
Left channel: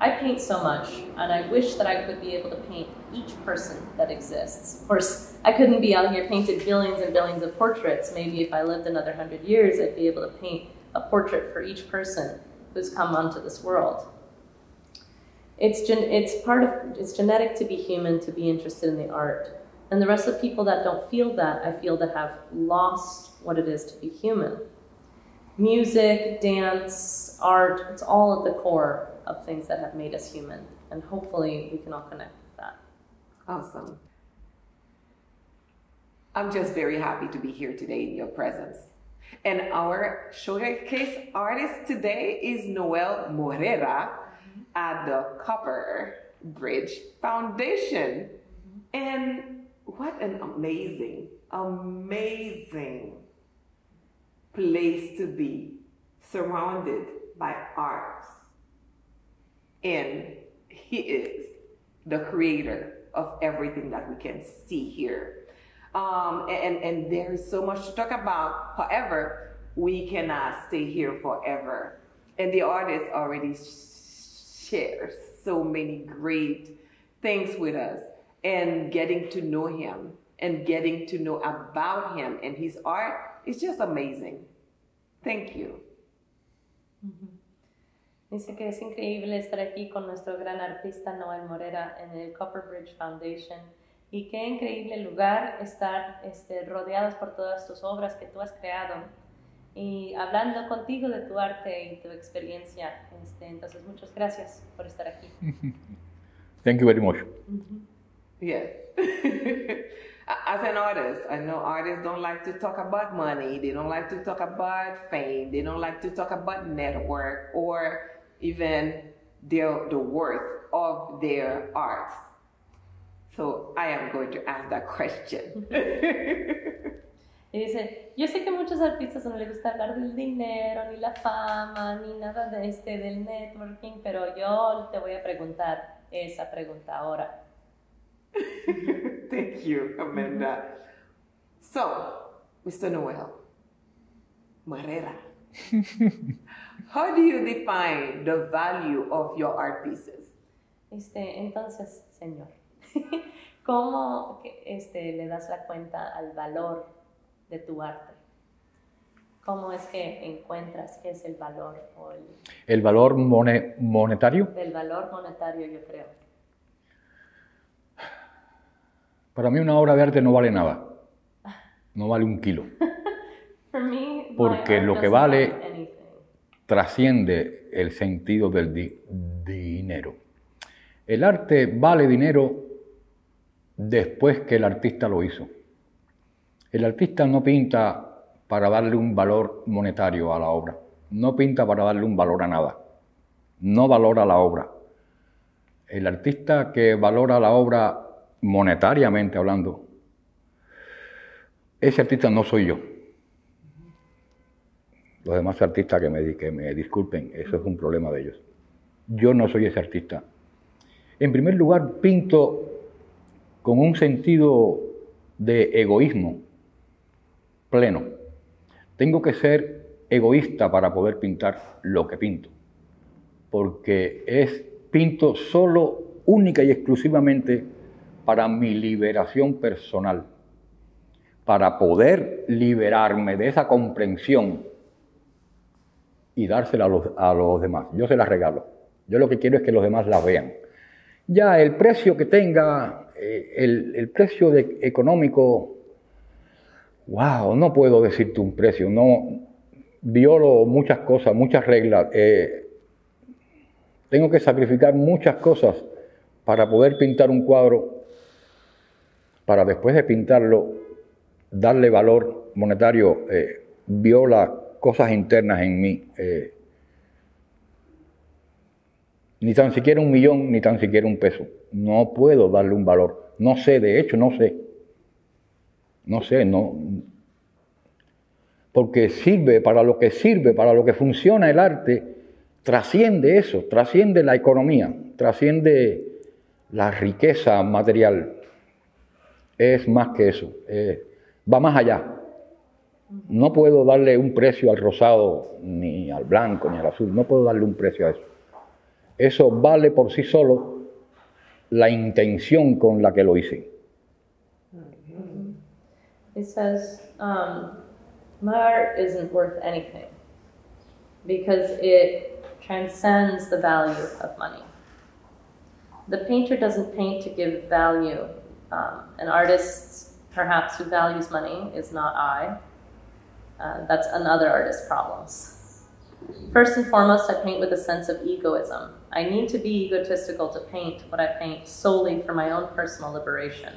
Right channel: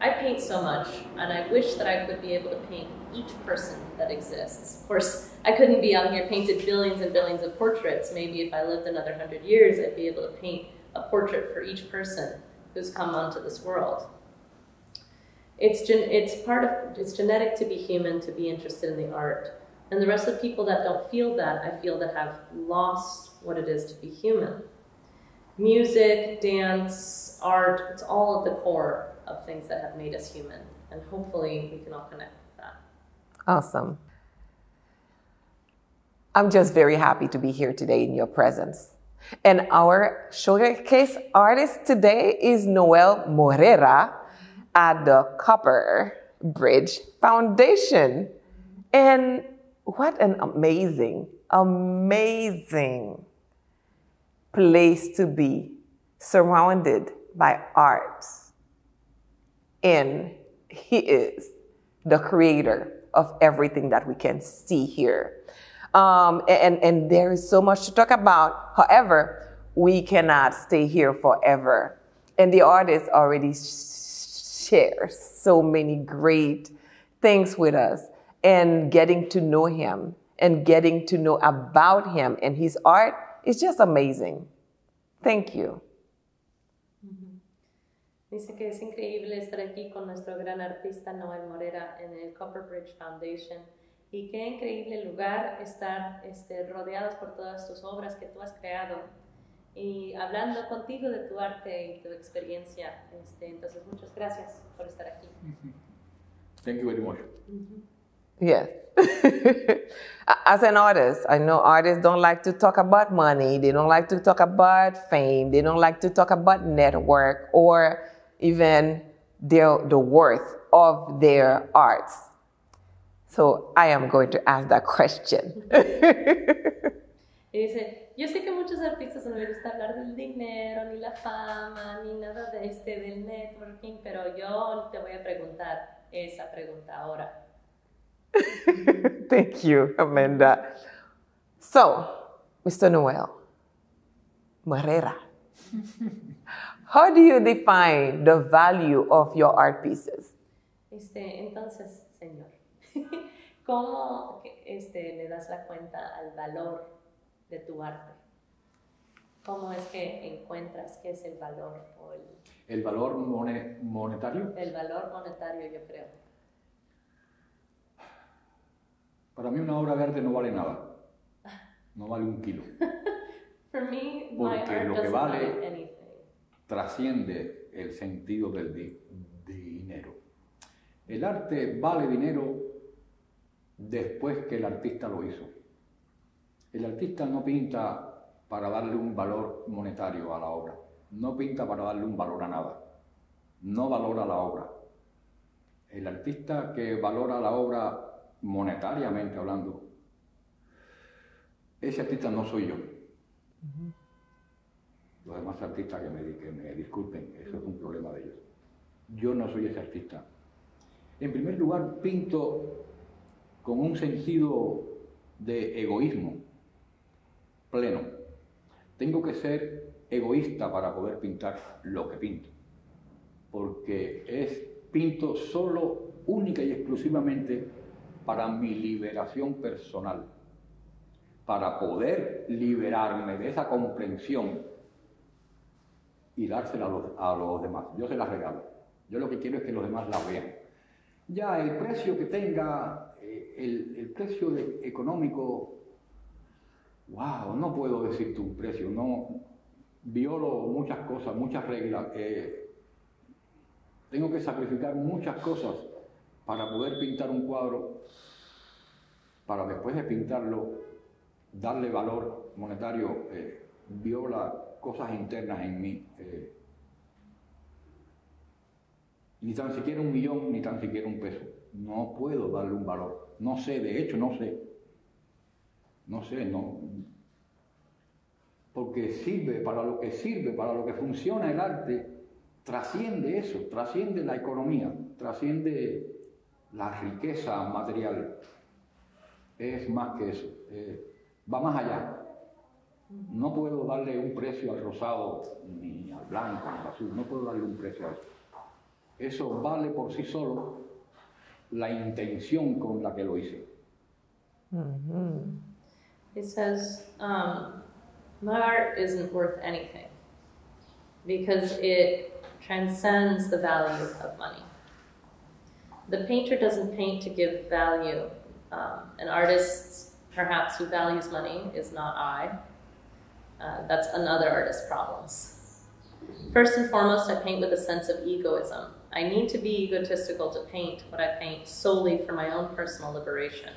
I paint so much, and I wish that I could be able to paint each person that exists. Of course, I couldn't be out here painting billions and billions of portraits. Maybe if I lived another 100 years, I'd be able to paint a portrait for each person who's come onto this world. It's genetic to be human, to be interested in the art. And the rest of the people that don't feel that, I feel that have lost what it is to be human. Music, dance, art, it's all at the core of things that have made us human. And hopefully we can all connect with that. Awesome. I'm just very happy to be here today in your presence. And our showcase artist today is Noel Morera at the Copperbridge Foundation. And what an amazing, amazing place to be, surrounded by art. And he is the creator of everything that we can see here. And there is so much to talk about. However, we cannot stay here forever. And the artist already shares so many great things with us. And getting to know him and getting to know about him and his art is just amazing. Thank you. Dice que es increíble estar aquí con nuestro gran artista Noel Morera en el Copperbridge Foundation y qué increíble lugar estar rodeados por todas tus obras que tú has creado y hablando contigo de tu arte y tu experiencia. Entonces, muchas gracias por estar aquí. Thank you very much. Yes. As an artist, I know artists don't like to talk about money. They don't like to talk about fame. They don't like to talk about network or even the worth of their arts. So I am going to ask that question. Y dice, yo sé que a muchos artistas no les gusta hablar del dinero, ni la fama, ni nada de del networking, pero yo te voy a preguntar esa pregunta ahora. Thank you, Amanda. So, Mr. Noel Morera, how do you define the value of your art pieces? Entonces, señor, ¿cómo le das la cuenta al valor de tu arte? ¿Cómo es que encuentras qué es el valor? ¿El valor monetario? El valor monetario, yo creo. Para mí una obra de arte no vale nada. No vale un kilo. Porque lo que vale trasciende el sentido del dinero. El arte vale dinero después que el artista lo hizo. El artista no pinta para darle un valor monetario a la obra. No pinta para darle un valor a nada. No valora la obra. El artista que valora la obra monetariamente hablando, ese artista no soy yo. Los demás artistas que me disculpen, eso es un problema de ellos. Yo no soy ese artista. En primer lugar, pinto con un sentido de egoísmo pleno. Tengo que ser egoísta para poder pintar lo que pinto, porque pinto solo, única y exclusivamente para mi liberación personal, para poder liberarme de esa comprensión y dársela a los demás. Yo se la regalo. Yo lo que quiero es que los demás la vean. Ya el precio que tenga, el precio económico, wow, no puedo decirte un precio, no violo muchas cosas, muchas reglas. Tengo que sacrificar muchas cosas para poder pintar un cuadro, para después de pintarlo, darle valor monetario, viola cosas internas en mí. Ni tan siquiera 1.000.000, ni tan siquiera un peso. No puedo darle un valor. No sé, de hecho, no sé. No sé, no. Porque sirve, para lo que funciona el arte, trasciende eso, trasciende la economía, trasciende la riqueza material. Es más que eso, va más allá. No puedo darle un precio al rosado, ni al blanco, ni al azul, no puedo darle un precio a eso. Eso vale por sí solo la intención con la que lo hice. It says, my art isn't worth anything because it transcends the value of money. The painter doesn't paint to give value. An artist, perhaps, who values money is not I. That's another artist's problems. First and foremost, I paint with a sense of egoism. I need to be egotistical to paint what I paint solely for my own personal liberation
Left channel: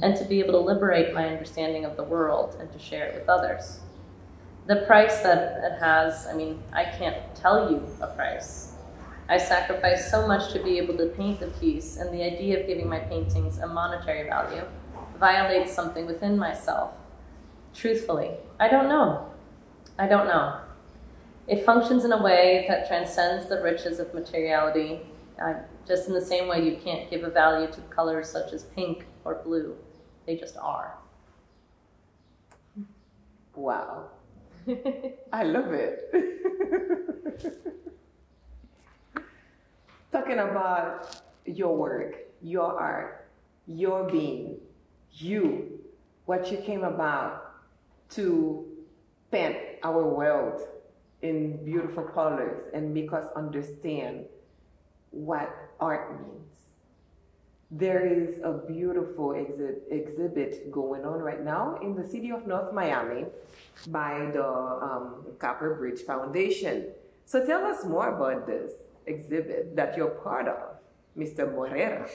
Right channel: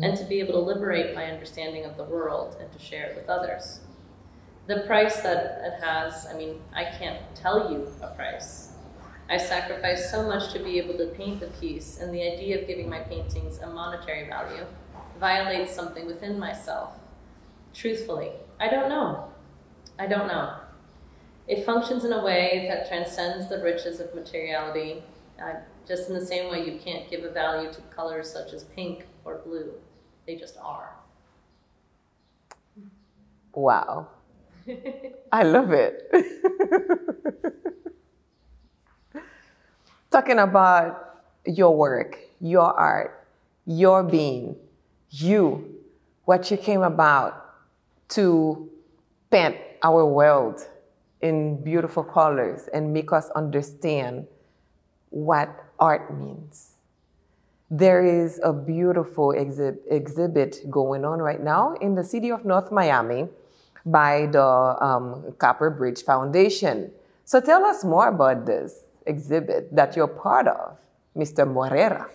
and to be able to liberate my understanding of the world and to share it with others. The price that it has, I mean, I can't tell you a price. I sacrifice so much to be able to paint the piece, and the idea of giving my paintings a monetary value violates something within myself. Truthfully, I don't know. I don't know. It functions in a way that transcends the riches of materiality, just in the same way you can't give a value to colors such as pink or blue. They just are. Wow. I love it. Talking about your work, your art, your being, you, what you came about to paint our world in beautiful colors and make us understand what art means. There is a beautiful exhibit going on right now in the city of North Miami by the Copperbridge Foundation. So tell us more about this exhibit that you're part of, Mr. Morera.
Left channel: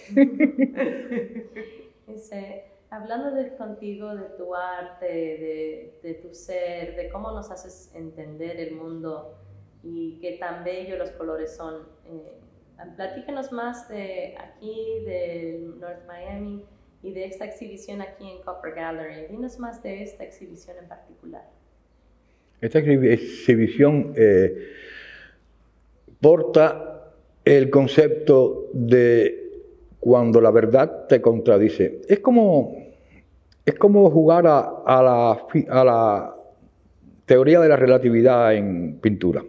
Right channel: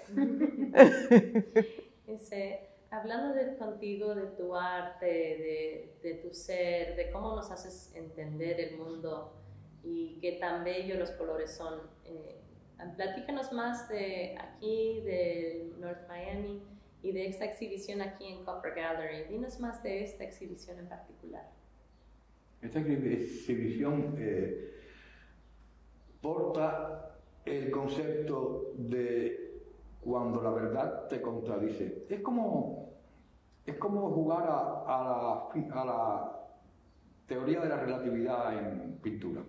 Hablando contigo de tu arte, de tu ser, de cómo nos haces entender el mundo y qué tan bellos los colores son. Platícanos más de aquí, de North Miami y de esta exhibición aquí en Copper Gallery. Dinos más de esta exhibición en particular. Esta exhibición porta el concepto de cuando la verdad te contradice. Es como jugar a la teoría de la relatividad en pintura.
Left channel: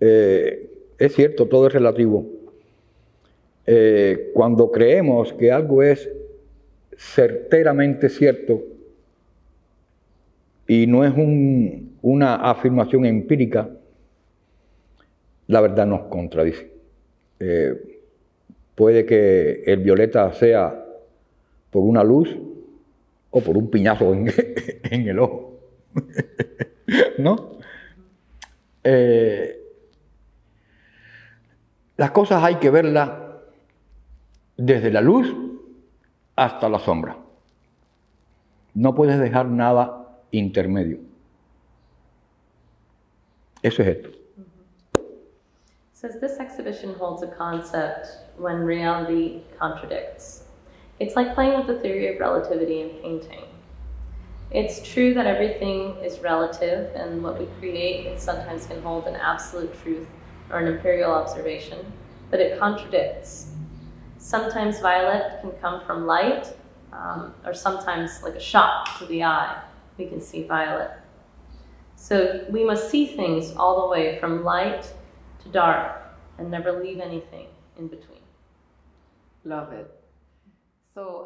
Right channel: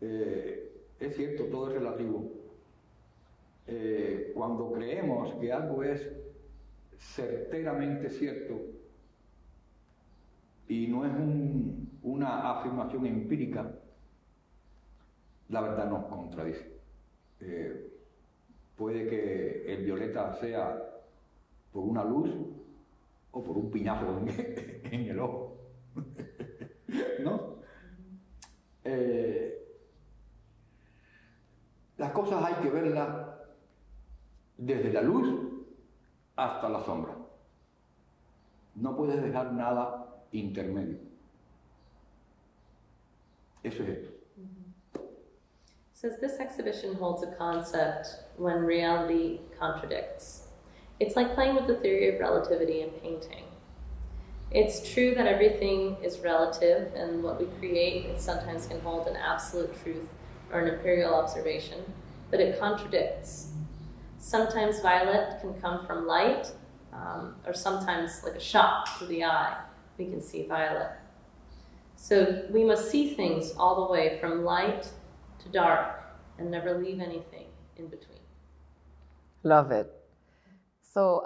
Es cierto, todo es relativo. Cuando creemos que algo es certeramente cierto y no es una afirmación empírica, la verdad nos contradice. Puede que el violeta sea por una luz o por un piñazo en el ojo, ¿no? Las cosas hay que verlas desde la luz hasta la sombra. No puedes dejar nada intermedio. Eso es esto. Says this exhibition holds a concept when reality contradicts. It's like playing with the theory of relativity in painting. It's true that everything is relative, and what we create sometimes can hold an absolute truth or an imperial observation, but it contradicts. Sometimes violet can come from light, or sometimes like a shock to the eye, we can see violet. So we must see things all the way from light to dark and never leave anything in between. Love it. So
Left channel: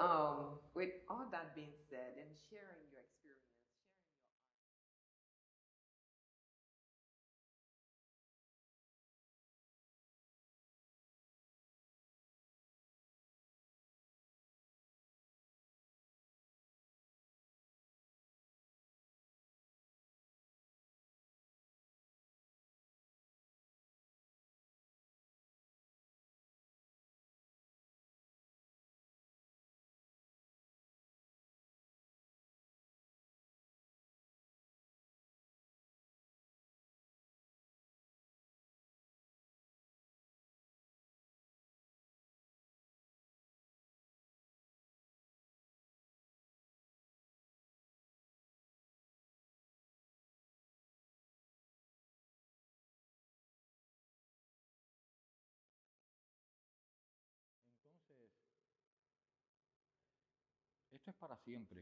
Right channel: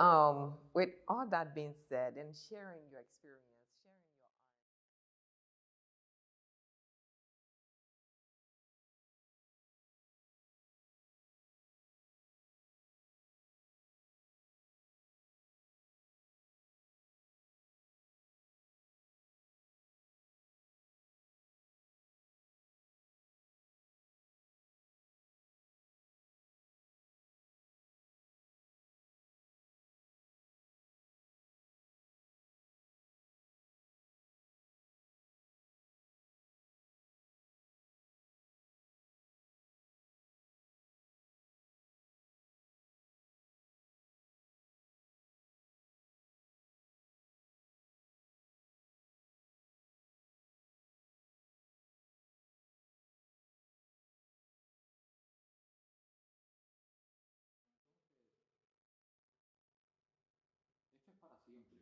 with all that being said and sharing your experience, para siempre.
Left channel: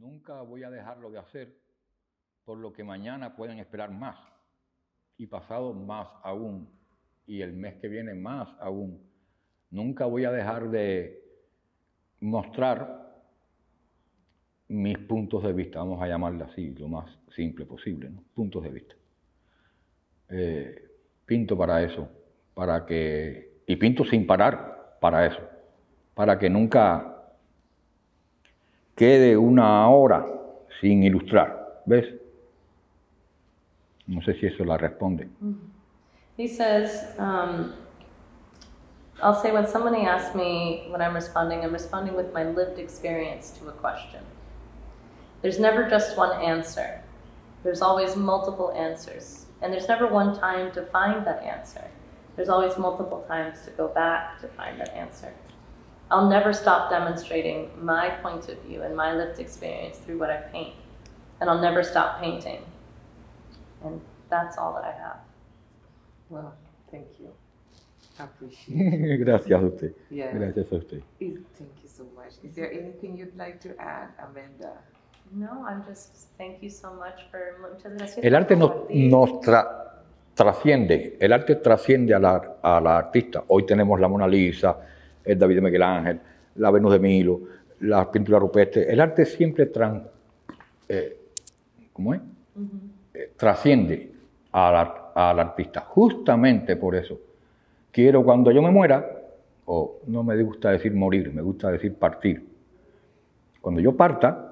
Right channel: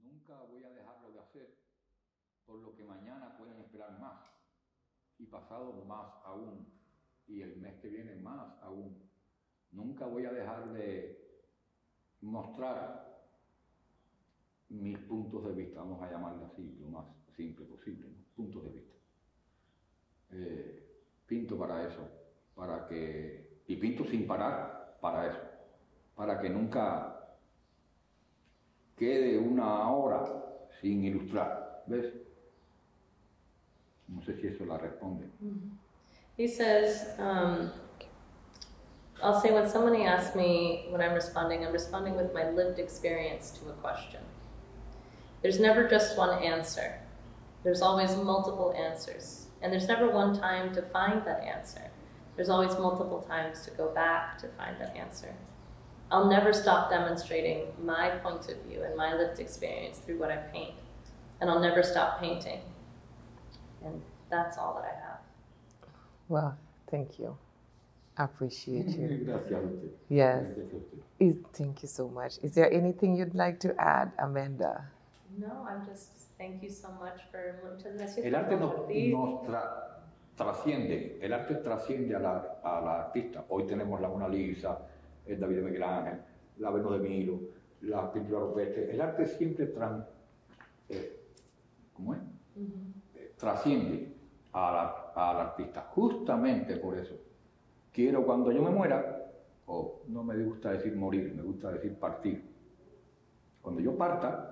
Nunca voy a dejarlo de hacer, por lo que mañana pueden esperar más, y pasado más aún, y el mes que viene más aún. Nunca voy a dejar de mostrar mis puntos de vista, vamos a llamarlo así, lo más simple posible, ¿no? Puntos de vista. Pinto para eso, y pinto sin parar para eso, para que nunca quede una hora sin ilustrar, ¿ves? No sé si eso la responde. He says, I'll say when somebody asks me what I'm responding with my lived experience to a question. There's never just one answer. There's always multiple answers. And there's never one time to find that answer. There's always multiple times to go back to find that answer. I'll never stop demonstrating my point of view and my lived experience through what I paint. And I'll never stop painting. And that's all that I have. Well, thank you. I appreciate it. Gracias a usted. Yes. Gracias a usted. Thank you so much. Is there anything you'd like to add, Amanda? No, I'm just, thank you so much for... Muchas gracias. El arte nos trasciende, el arte trasciende a la artista. Hoy tenemos la Mona Lisa, el David de Miguel Ángel, la Venus de Milo, la pintura rupestre. El arte siempre trasciende al artista. Justamente por eso quiero, cuando yo me muera, no me gusta decir morir, me gusta decir partir. Cuando yo parta,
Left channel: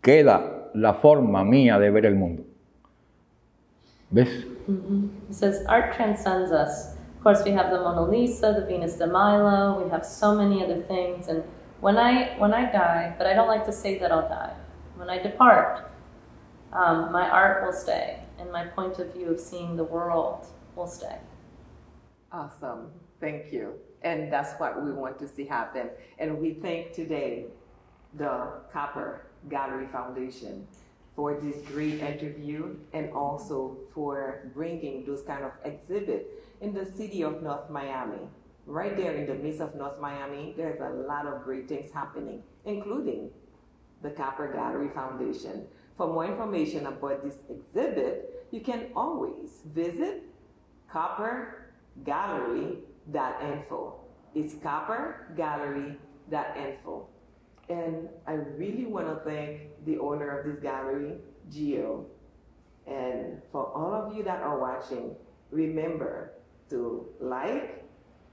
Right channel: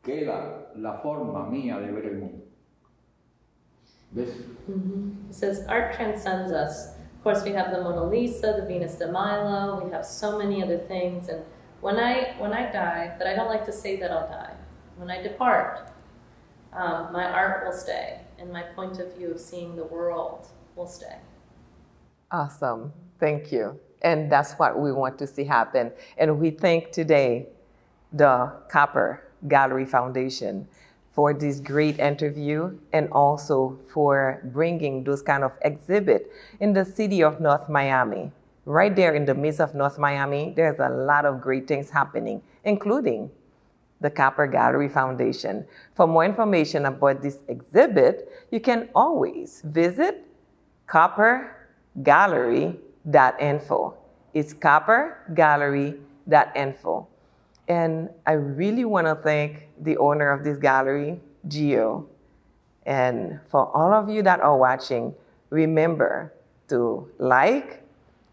queda la forma mía de ver el mundo. ¿Ves? It says art transcends us. Of course, we have the Mona Lisa, the Venus de Milo, we have so many other things. And when I die, but I don't like to say that I'll die, when I depart, my art will stay, and my point of view of seeing the world will stay. Awesome. Thank you. And that's what we want to see happen. And we thank today the Copper Gallery Foundation for this great interview and also for bringing those kind of exhibit in the city of North Miami. Right there in the midst of North Miami, there's a lot of great things happening, including the Copper Gallery Foundation. For more information about this exhibit, you can always visit coppergallery.info. It's coppergallery.info. And I really want to thank the owner of this gallery, Gio. And for all of you that are watching, remember to like,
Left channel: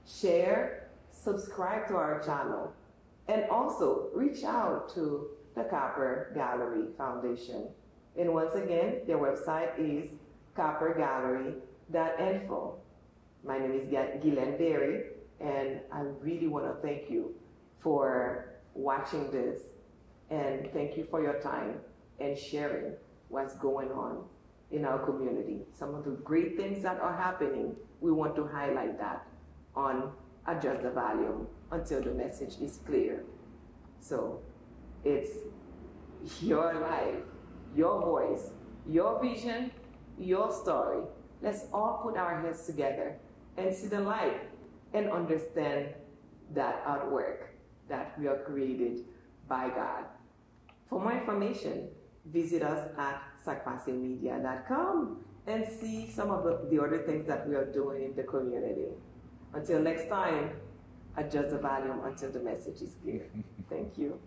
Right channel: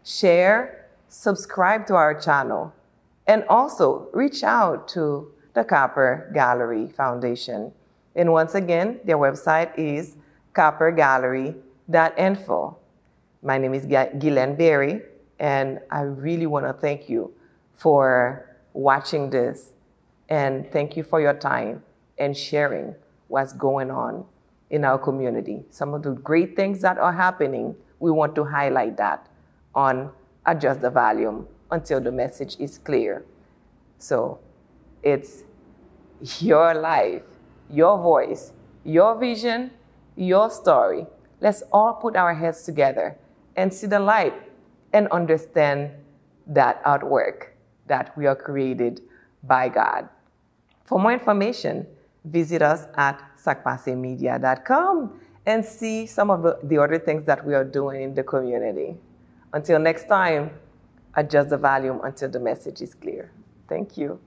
share, subscribe to our channel, and also reach out to the Copper Gallery Foundation. And once again, their website is coppergallery.info. My name is Guylene Berry, and I really want to thank you for watching this, and thank you for your time and sharing what's going on in our community. Some of the great things that are happening, we want to highlight that on Adjust the Volume until the message is clear. So it's your life, your voice, your vision, your story. Let's all put our heads together and see the light and understand that artwork that we are created by God. For more information, visit us at sacpasemedia.com and see some of the other things that we are doing in the community. Until next time, adjust the volume until the message is clear. Thank you.